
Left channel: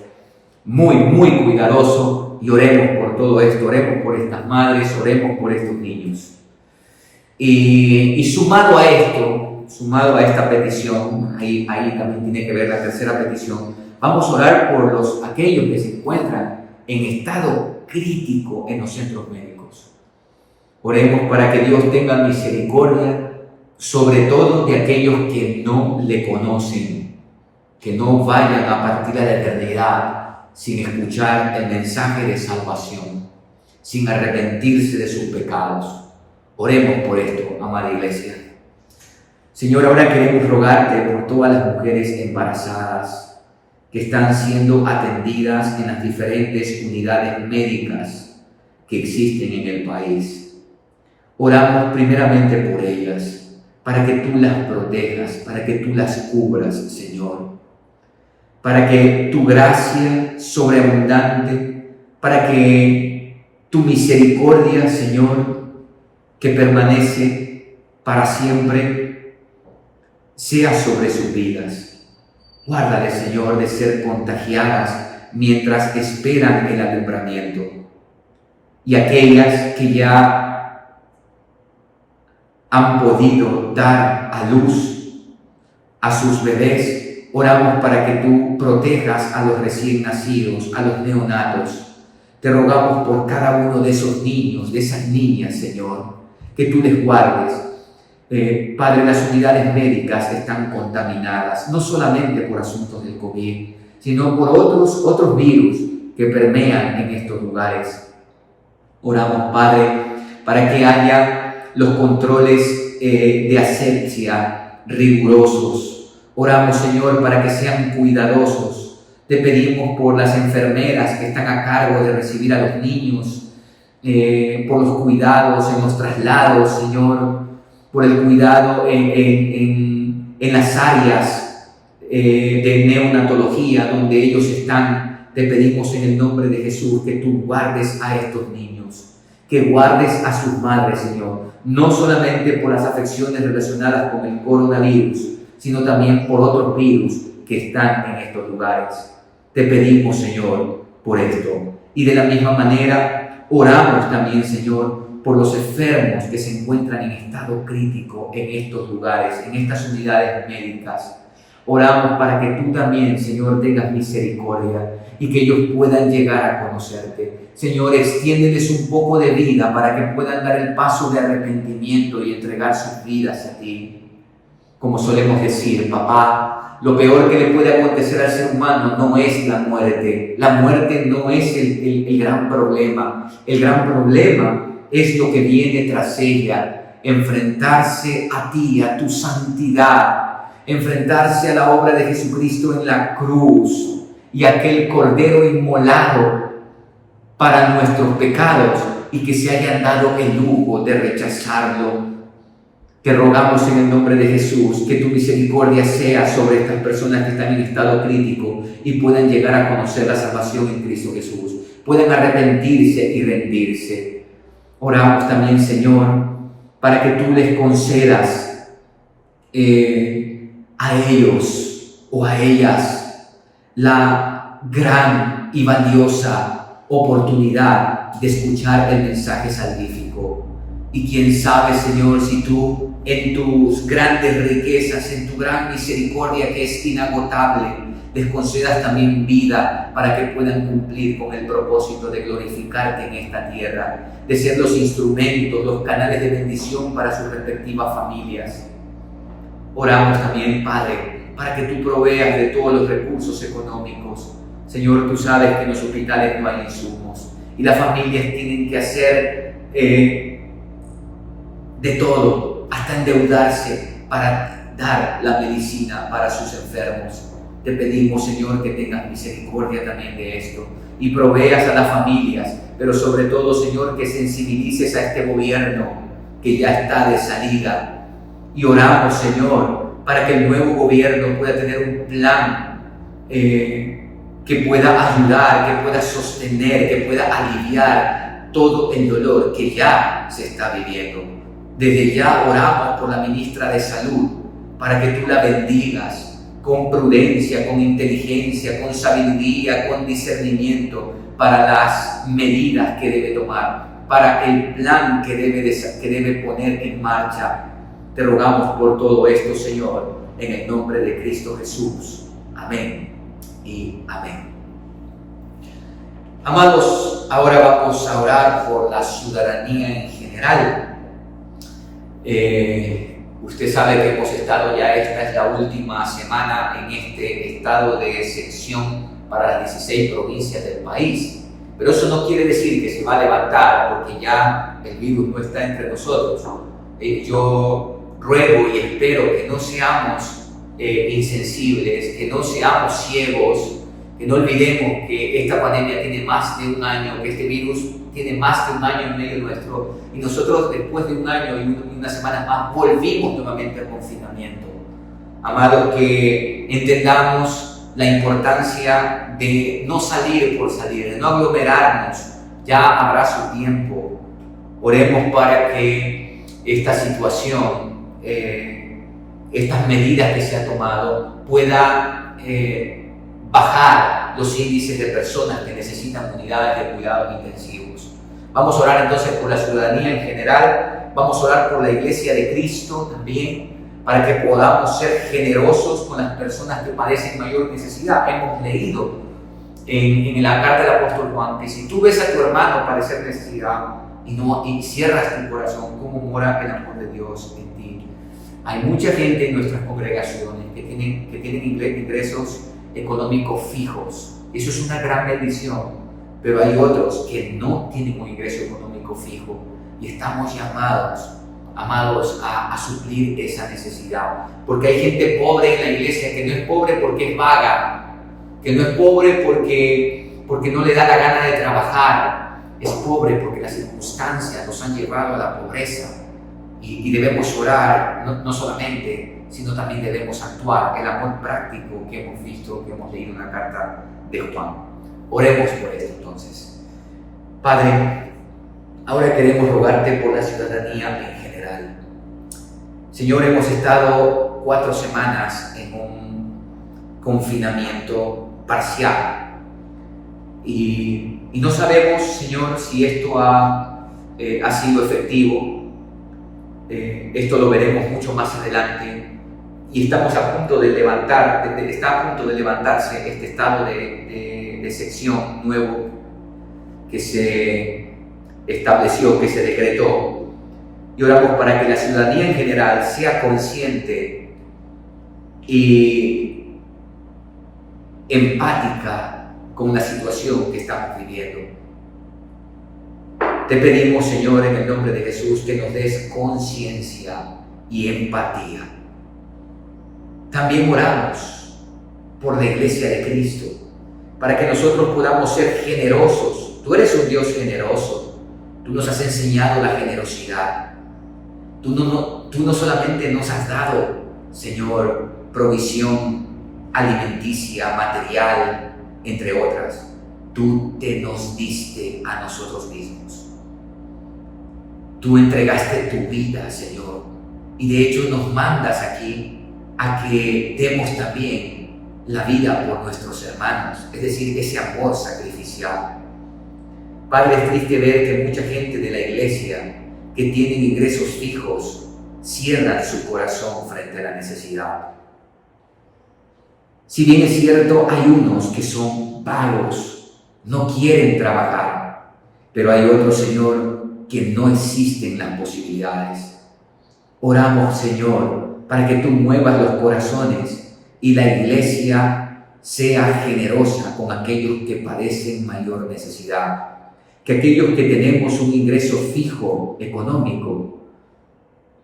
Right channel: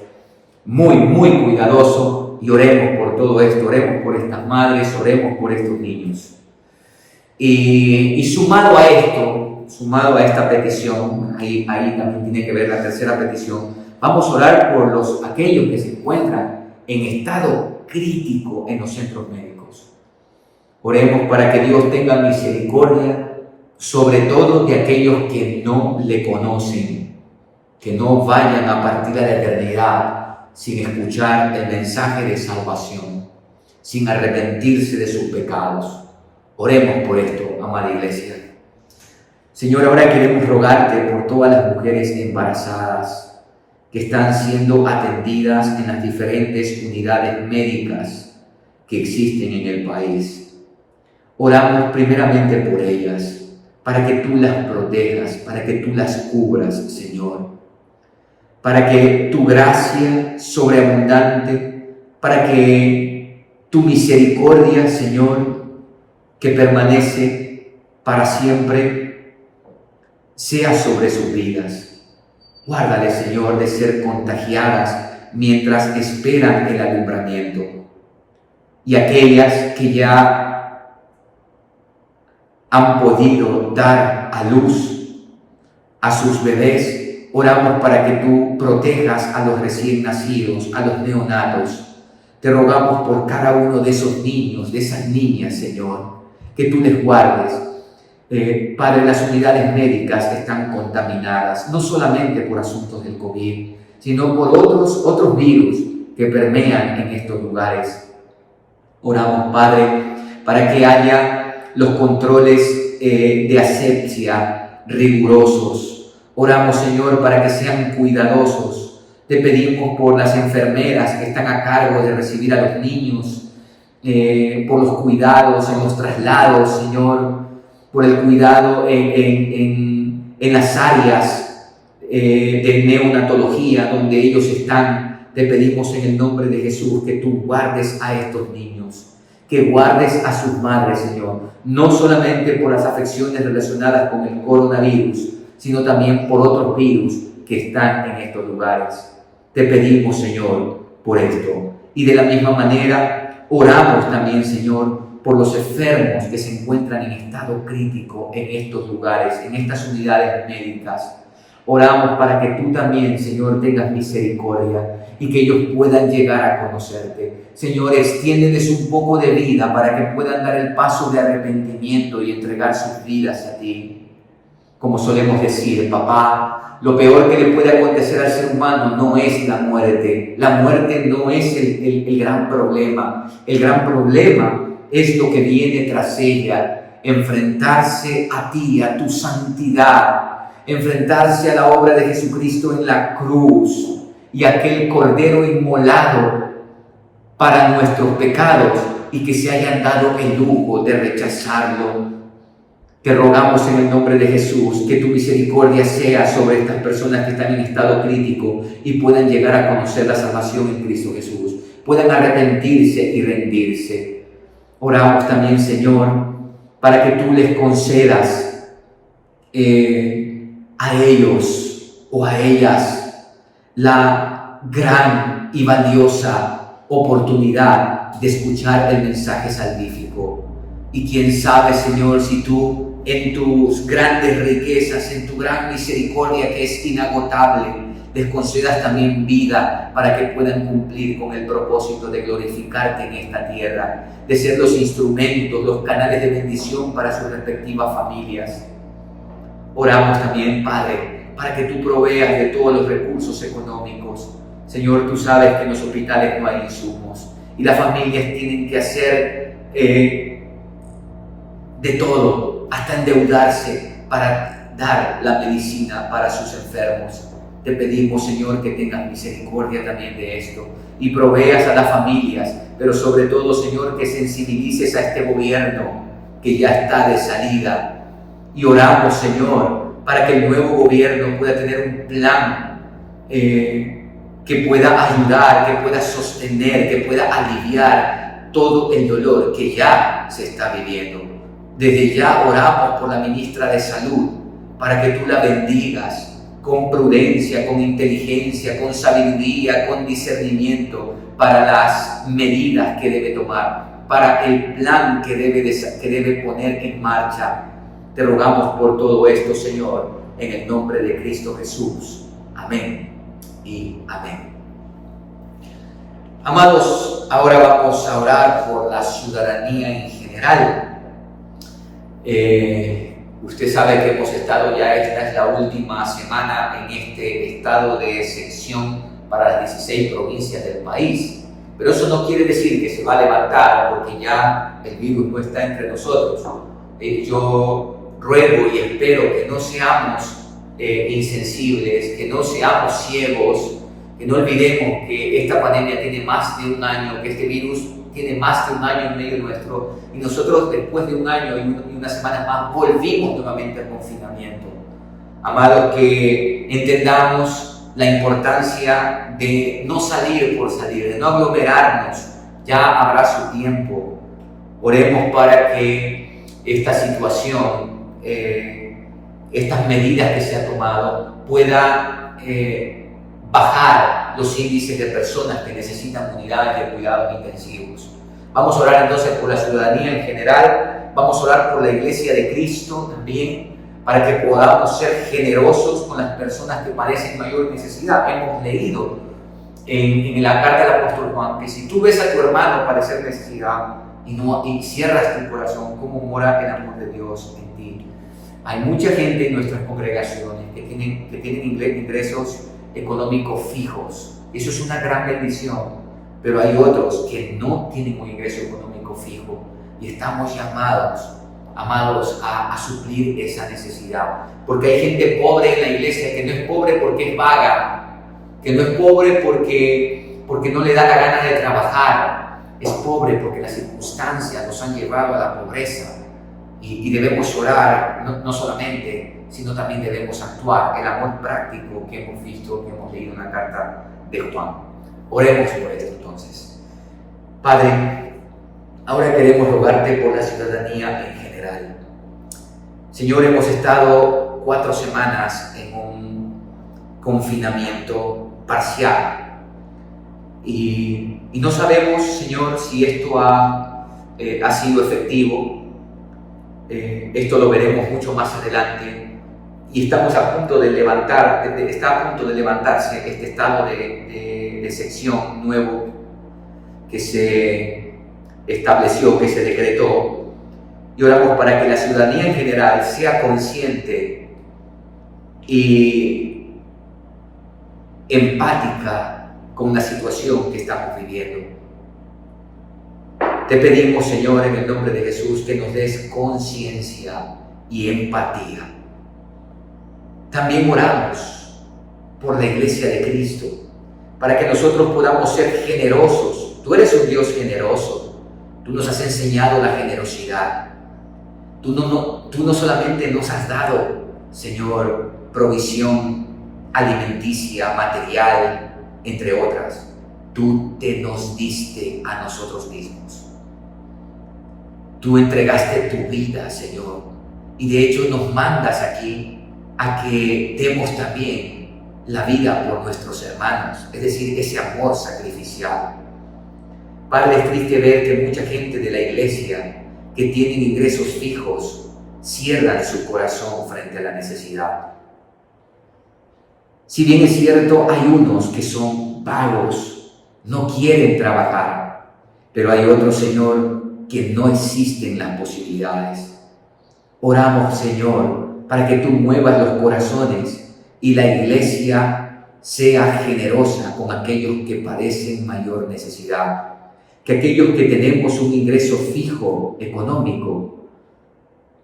muy, muy cuidadoso, y oremos por todo esto, oremos por estas madres, oremos por estos niños. Y sumado a esta petición, ahí también tiene que ver la tercera petición, vamos a orar por aquellos que se encuentran en estado crítico en los centros médicos. Oremos para que Dios tenga misericordia, sobre todo de aquellos que no le conocen, que no vayan a partir a la eternidad sin escuchar el mensaje de salvación, sin arrepentirse de sus pecados. Oremos por esto, amada iglesia. Señor, ahora queremos rogarte por todas las mujeres embarazadas que están siendo atendidas en las diferentes unidades médicas que existen en el país. Oramos primeramente por ellas, para que tú las protejas, para que tú las cubras, Señor. Para que tu gracia sobreabundante, para que tu misericordia, Señor, que permanece para siempre, sea sobre sus vidas. Guárdales, Señor, de ser contagiadas mientras esperan el alumbramiento. Y aquellas que ya han podido dar a luz a sus bebés, oramos para que tú protejas a los recién nacidos, a los neonatos. Te rogamos por cada uno de esos niños, de esas niñas, Señor, que tú les guardes. Padre, las unidades médicas están contaminadas, no solamente por asuntos del COVID, sino por otros virus que permean en estos lugares. Oramos, Padre, para que haya los controles de asepsia rigurosos. Oramos, Señor, para que sean cuidadosos. Te pedimos por las enfermeras que están a cargo de recibir a los niños, por los cuidados en los traslados, Señor, por el cuidado en las áreas de neonatología donde ellos están. Te pedimos en el nombre de Jesús que tú guardes a estos niños, que guardes a sus madres, Señor, no solamente por las afecciones relacionadas con el coronavirus, sino también por otros virus que están en estos lugares. Te pedimos, Señor, por esto. Y de la misma manera, oramos también, Señor, por los enfermos que se encuentran en estado crítico en estos lugares, en estas unidades médicas. Oramos para que tú también, Señor, tengas misericordia y que ellos puedan llegar a conocerte. Señor, extiéndeles un poco de vida para que puedan dar el paso de arrepentimiento y entregar sus vidas a ti. Como solemos decir, papá, lo peor que le puede acontecer al ser humano no es la muerte. La muerte no es el gran problema. El gran problema es lo que viene tras ella. Enfrentarse a ti, a tu santidad. Enfrentarse a la obra de Jesucristo en la cruz y aquel cordero inmolado para nuestros pecados y que se hayan dado el lujo de rechazarlo. Te rogamos en el nombre de Jesús que tu misericordia sea sobre estas personas que están en estado crítico y puedan llegar a conocer la salvación en Cristo Jesús, puedan arrepentirse y rendirse. Oramos también, Señor, para que tú les concedas a ellos o a ellas la gran y valiosa oportunidad de escuchar el mensaje salvífico. Y quién sabe, Señor, si tú en tus grandes riquezas, en tu gran misericordia que es inagotable, les concedas también vida para que puedan cumplir con el propósito de glorificarte en esta tierra, de ser los instrumentos, los canales de bendición para sus respectivas familias. Oramos también, Padre, para que tú proveas de todos los recursos económicos. Señor, tú sabes que en los hospitales no hay insumos y las familias tienen que hacer de todo, hasta endeudarse para dar la medicina para sus enfermos. Te pedimos, Señor, que tengas misericordia también de esto y proveas a las familias, pero sobre todo, Señor, que sensibilices a este gobierno que ya está de salida. Y oramos, Señor, para que el nuevo gobierno pueda tener un plan que pueda ayudar, que pueda sostener, que pueda aliviar todo el dolor que ya se está viviendo. Desde ya oramos por la ministra de Salud, para que tú la bendigas con prudencia, con inteligencia, con sabiduría, con discernimiento para las medidas que debe tomar, para el plan que debe poner en marcha. Te rogamos por todo esto, Señor, en el nombre de Cristo Jesús. Amén y amén. Amados, ahora vamos a orar por la ciudadanía en general. Usted sabe que hemos estado ya, esta es la última semana en este estado de excepción para las 16 provincias del país. Pero eso no quiere decir que se va a levantar porque ya el virus no está entre nosotros. Yo ruego y espero que no seamos insensibles, que no seamos ciegos, que no olvidemos que esta pandemia tiene más de un año, que este virus tiene más de un año en medio nuestro, y nosotros después de un año y unas semanas más volvimos nuevamente al confinamiento. Amados, que entendamos la importancia de no salir por salir, de no aglomerarnos. Ya habrá su tiempo. Oremos para que esta situación, estas medidas que se han tomado, puedan bajar los índices de personas que necesitan unidades de cuidados intensivos. Vamos a orar entonces por la ciudadanía en general, vamos a orar por la Iglesia de Cristo también, para que podamos ser generosos con las personas que padecen mayor necesidad. Hemos leído en la carta del apóstol Juan que si tú ves a tu hermano padecer necesidad y cierras tu corazón, ¿cómo mora el amor de Dios en ti? Hay mucha gente en nuestras congregaciones que tienen ingresos económicos fijos. Eso es una gran bendición, pero hay otros que no tienen un ingreso económico fijo y estamos llamados a suplir esa necesidad, porque hay gente pobre en la iglesia que no es pobre porque es vaga, que no es pobre porque no le da la gana de trabajar, es pobre porque las circunstancias nos han llevado a la pobreza y debemos orar, no solamente, sino también debemos actuar, el amor práctico que hemos visto, que hemos leído en la carta de Juan. Oremos por esto entonces. Padre, ahora queremos rogarte por la ciudadanía en general. Señor, hemos estado 4 semanas en un confinamiento parcial y no sabemos, Señor, si esto ha sido efectivo. Esto lo veremos mucho más adelante y estamos a punto de está a punto de levantarse este estado de excepción nuevo que se estableció, que se decretó, y oramos para que la ciudadanía en general sea consciente y empática con la situación que estamos viviendo. Te pedimos, Señor, en el nombre de Jesús, que nos des conciencia y empatía. También oramos por la Iglesia de Cristo, para que nosotros podamos ser generosos. Tú eres un Dios generoso. Tú nos has enseñado la generosidad. Tú no solamente nos has dado, Señor, provisión alimenticia, material, entre otras. Tú te nos diste a nosotros mismos. Tú entregaste tu vida, Señor, y de hecho nos mandas aquí a que demos también la vida por nuestros hermanos, es decir, ese amor sacrificial. Padre, es triste ver que mucha gente de la iglesia que tienen ingresos fijos cierran su corazón frente a la necesidad. Si bien es cierto, hay unos que son vagos, no quieren trabajar, pero hay otros, Señor, que no existen las posibilidades. Oramos, Señor, para que tú muevas los corazones y la iglesia sea generosa con aquellos que padecen mayor necesidad. Que aquellos que tenemos un ingreso fijo económico,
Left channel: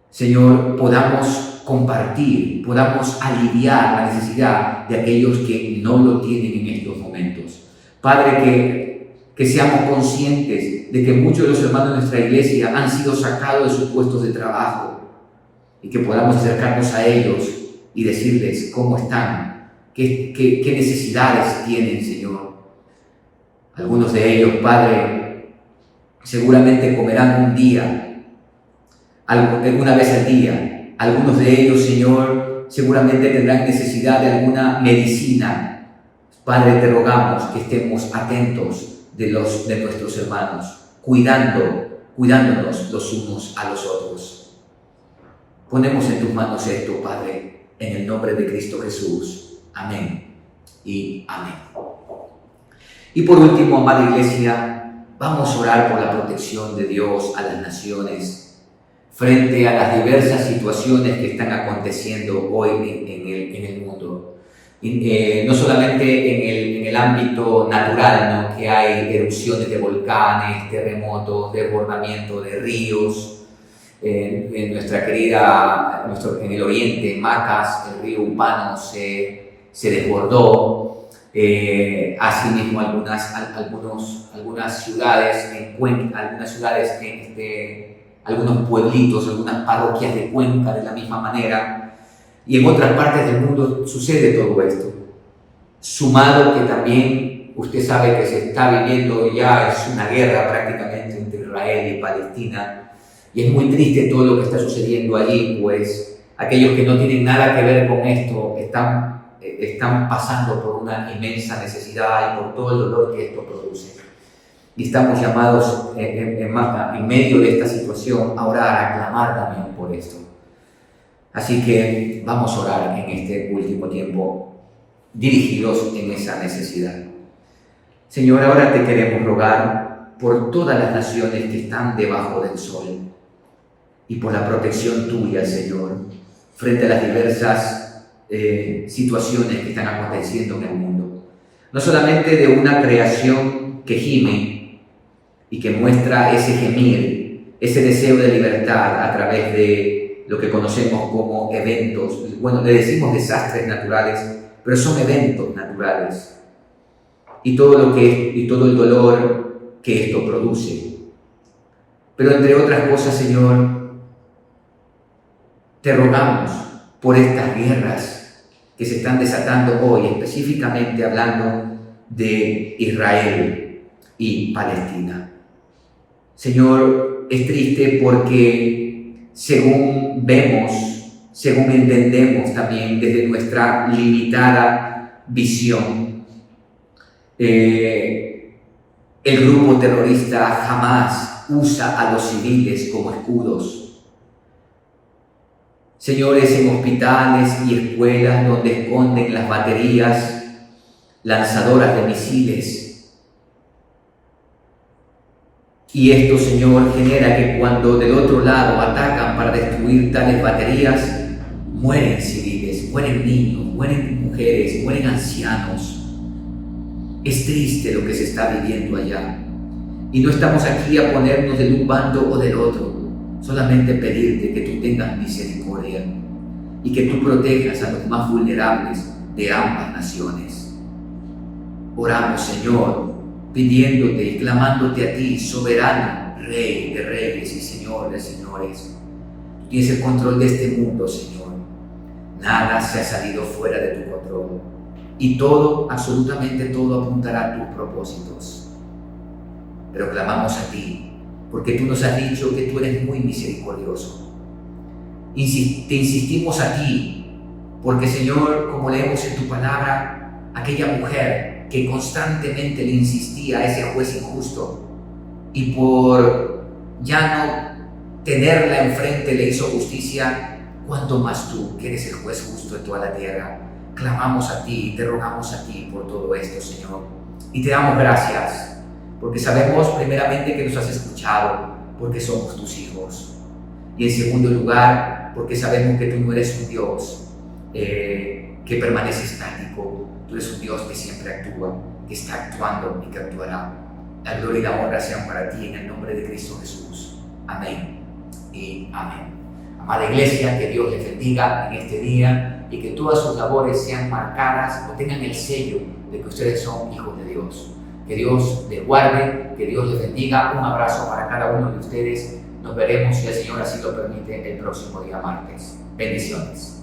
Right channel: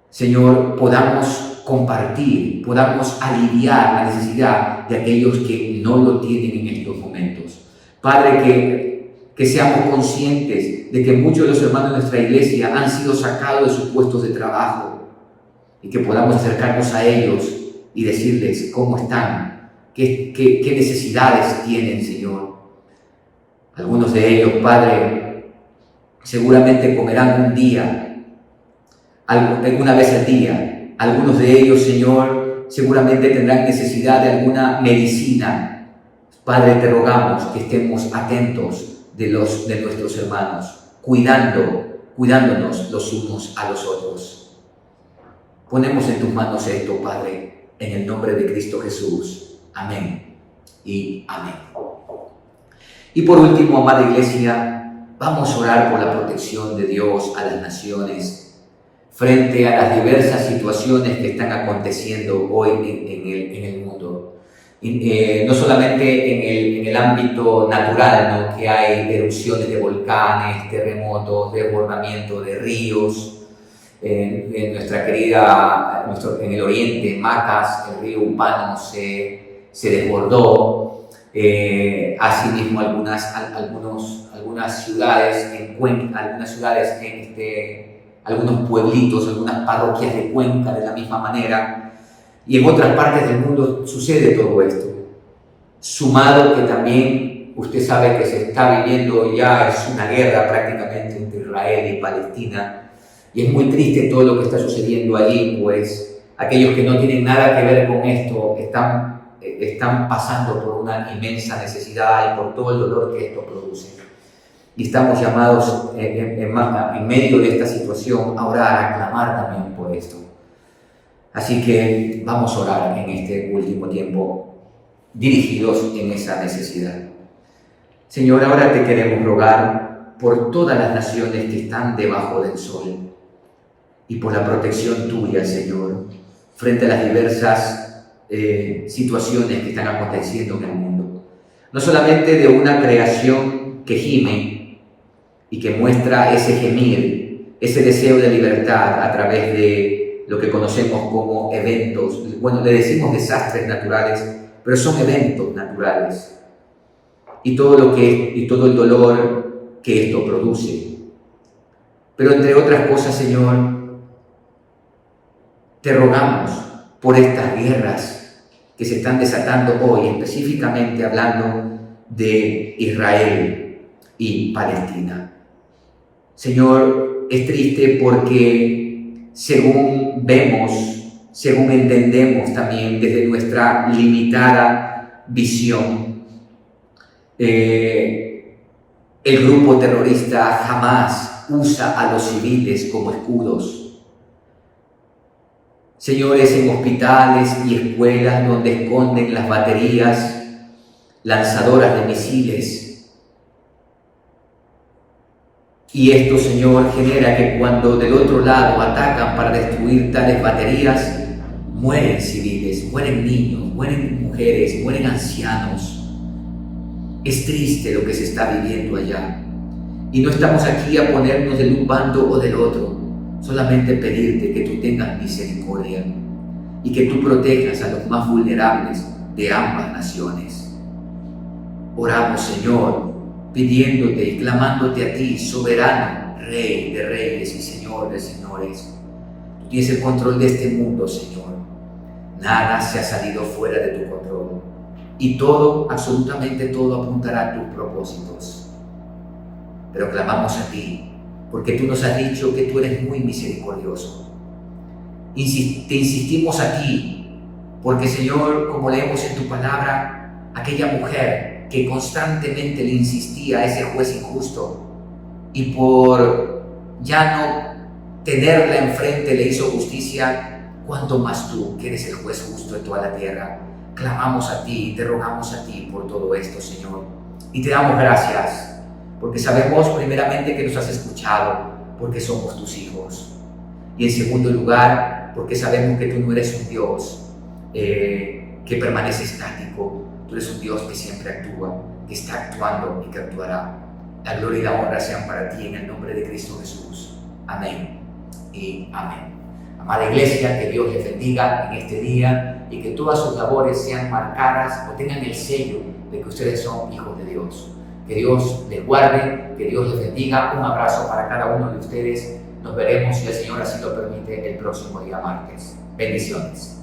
Señor, podamos compartir, podamos aliviar la necesidad de aquellos que no lo tienen en estos momentos. Padre, que seamos conscientes de que muchos de los hermanos de nuestra iglesia han sido sacados de sus puestos de trabajo y que podamos acercarnos a ellos y decirles cómo están, qué necesidades tienen, Señor. Algunos de ellos, Padre, seguramente comerán un día, alguna vez al día. Algunos de ellos, Señor, seguramente tendrán necesidad de alguna medicina. Padre, te rogamos que estemos atentos de nuestros hermanos, cuidándonos los unos a los otros. Ponemos en tus manos esto, Padre, en el nombre de Cristo Jesús. Amén y amén. Y por último, amada iglesia, vamos a orar por la protección de Dios a las naciones frente a las diversas situaciones que están aconteciendo hoy en el mundo. No solamente en el ámbito natural, ¿no?, que hay erupciones de volcanes, terremotos, desbordamiento de ríos. En en el oriente, Macas, el río Upano se desbordó. Asimismo, algunas ciudades en Cuenca, algunos pueblitos, algunas parroquias de Cuenca de la misma manera. Y en otras partes del mundo sucede todo esto. Sumado que también usted sabe que se está viviendo ya, es una guerra prácticamente entre Israel y Palestina. Y es muy triste todo lo que está sucediendo allí, pues aquellos que no tienen nada que ver con esto están pasando por una inmensa necesidad y por todo el dolor que esto produce. Y estamos llamados en medio de esta situación a orar, a clamar también por esto. Así que vamos a orar en este último tiempo, dirigidos en esa necesidad. Señor, ahora te queremos rogar por todas las naciones que están debajo del sol y por la protección tuya, Señor, frente a las diversas situaciones que están aconteciendo en el mundo. No solamente de una creación que gime y que muestra ese gemir, ese deseo de libertad a través de lo que conocemos como eventos. Bueno, le decimos desastres naturales, pero son eventos naturales. Y todo el dolor que esto produce. Pero entre otras cosas, Señor, te rogamos por estas guerras que se están desatando hoy, específicamente hablando de Israel y Palestina. Señor, es triste porque según vemos, según entendemos también desde nuestra limitada visión, el grupo terrorista jamás usa a los civiles como escudos. Señores, en hospitales y escuelas donde esconden las baterías lanzadoras de misiles. Y esto, Señor, genera que cuando del otro lado atacan para destruir tales baterías, mueren civiles, mueren niños, mueren mujeres, mueren ancianos. Es triste lo que se está viviendo allá. Y no estamos aquí a ponernos de un bando o del otro, solamente pedirte que tú tengas misericordia y que tú protejas a los más vulnerables de ambas naciones. Oramos, Señor, pidiéndote y clamándote a ti, soberano, Rey de reyes y Señor de señores. Tú tienes el control de este mundo, Señor. Nada se ha salido fuera de tu control. Y todo, absolutamente todo, apuntará a tus propósitos. Pero clamamos a ti, porque tú nos has dicho que tú eres muy misericordioso. Te insistimos a ti, porque, Señor, como leemos en tu palabra, aquella mujer que constantemente le insistía a ese juez injusto, y por ya no tenerla enfrente le hizo justicia, cuanto más tú, que eres el juez justo de toda la tierra. Clamamos a ti y te rogamos a ti por todo esto, Señor. Y te damos gracias, porque sabemos primeramente que nos has escuchado, porque somos tus hijos. Y en segundo lugar, porque sabemos que tú no eres un Dios que permanece estático. Tú eres un Dios que siempre actúa, que está actuando y que actuará. La gloria y la honra sean para ti en el nombre de Cristo Jesús. Amén y amén. Amada Iglesia, que Dios les bendiga en este día y que todas sus labores sean marcadas o tengan el sello de que ustedes son hijos de Dios. Que Dios les guarde, que Dios les bendiga. Un abrazo para cada uno de ustedes. Nos veremos, si el Señor así lo permite, el próximo día martes. Bendiciones.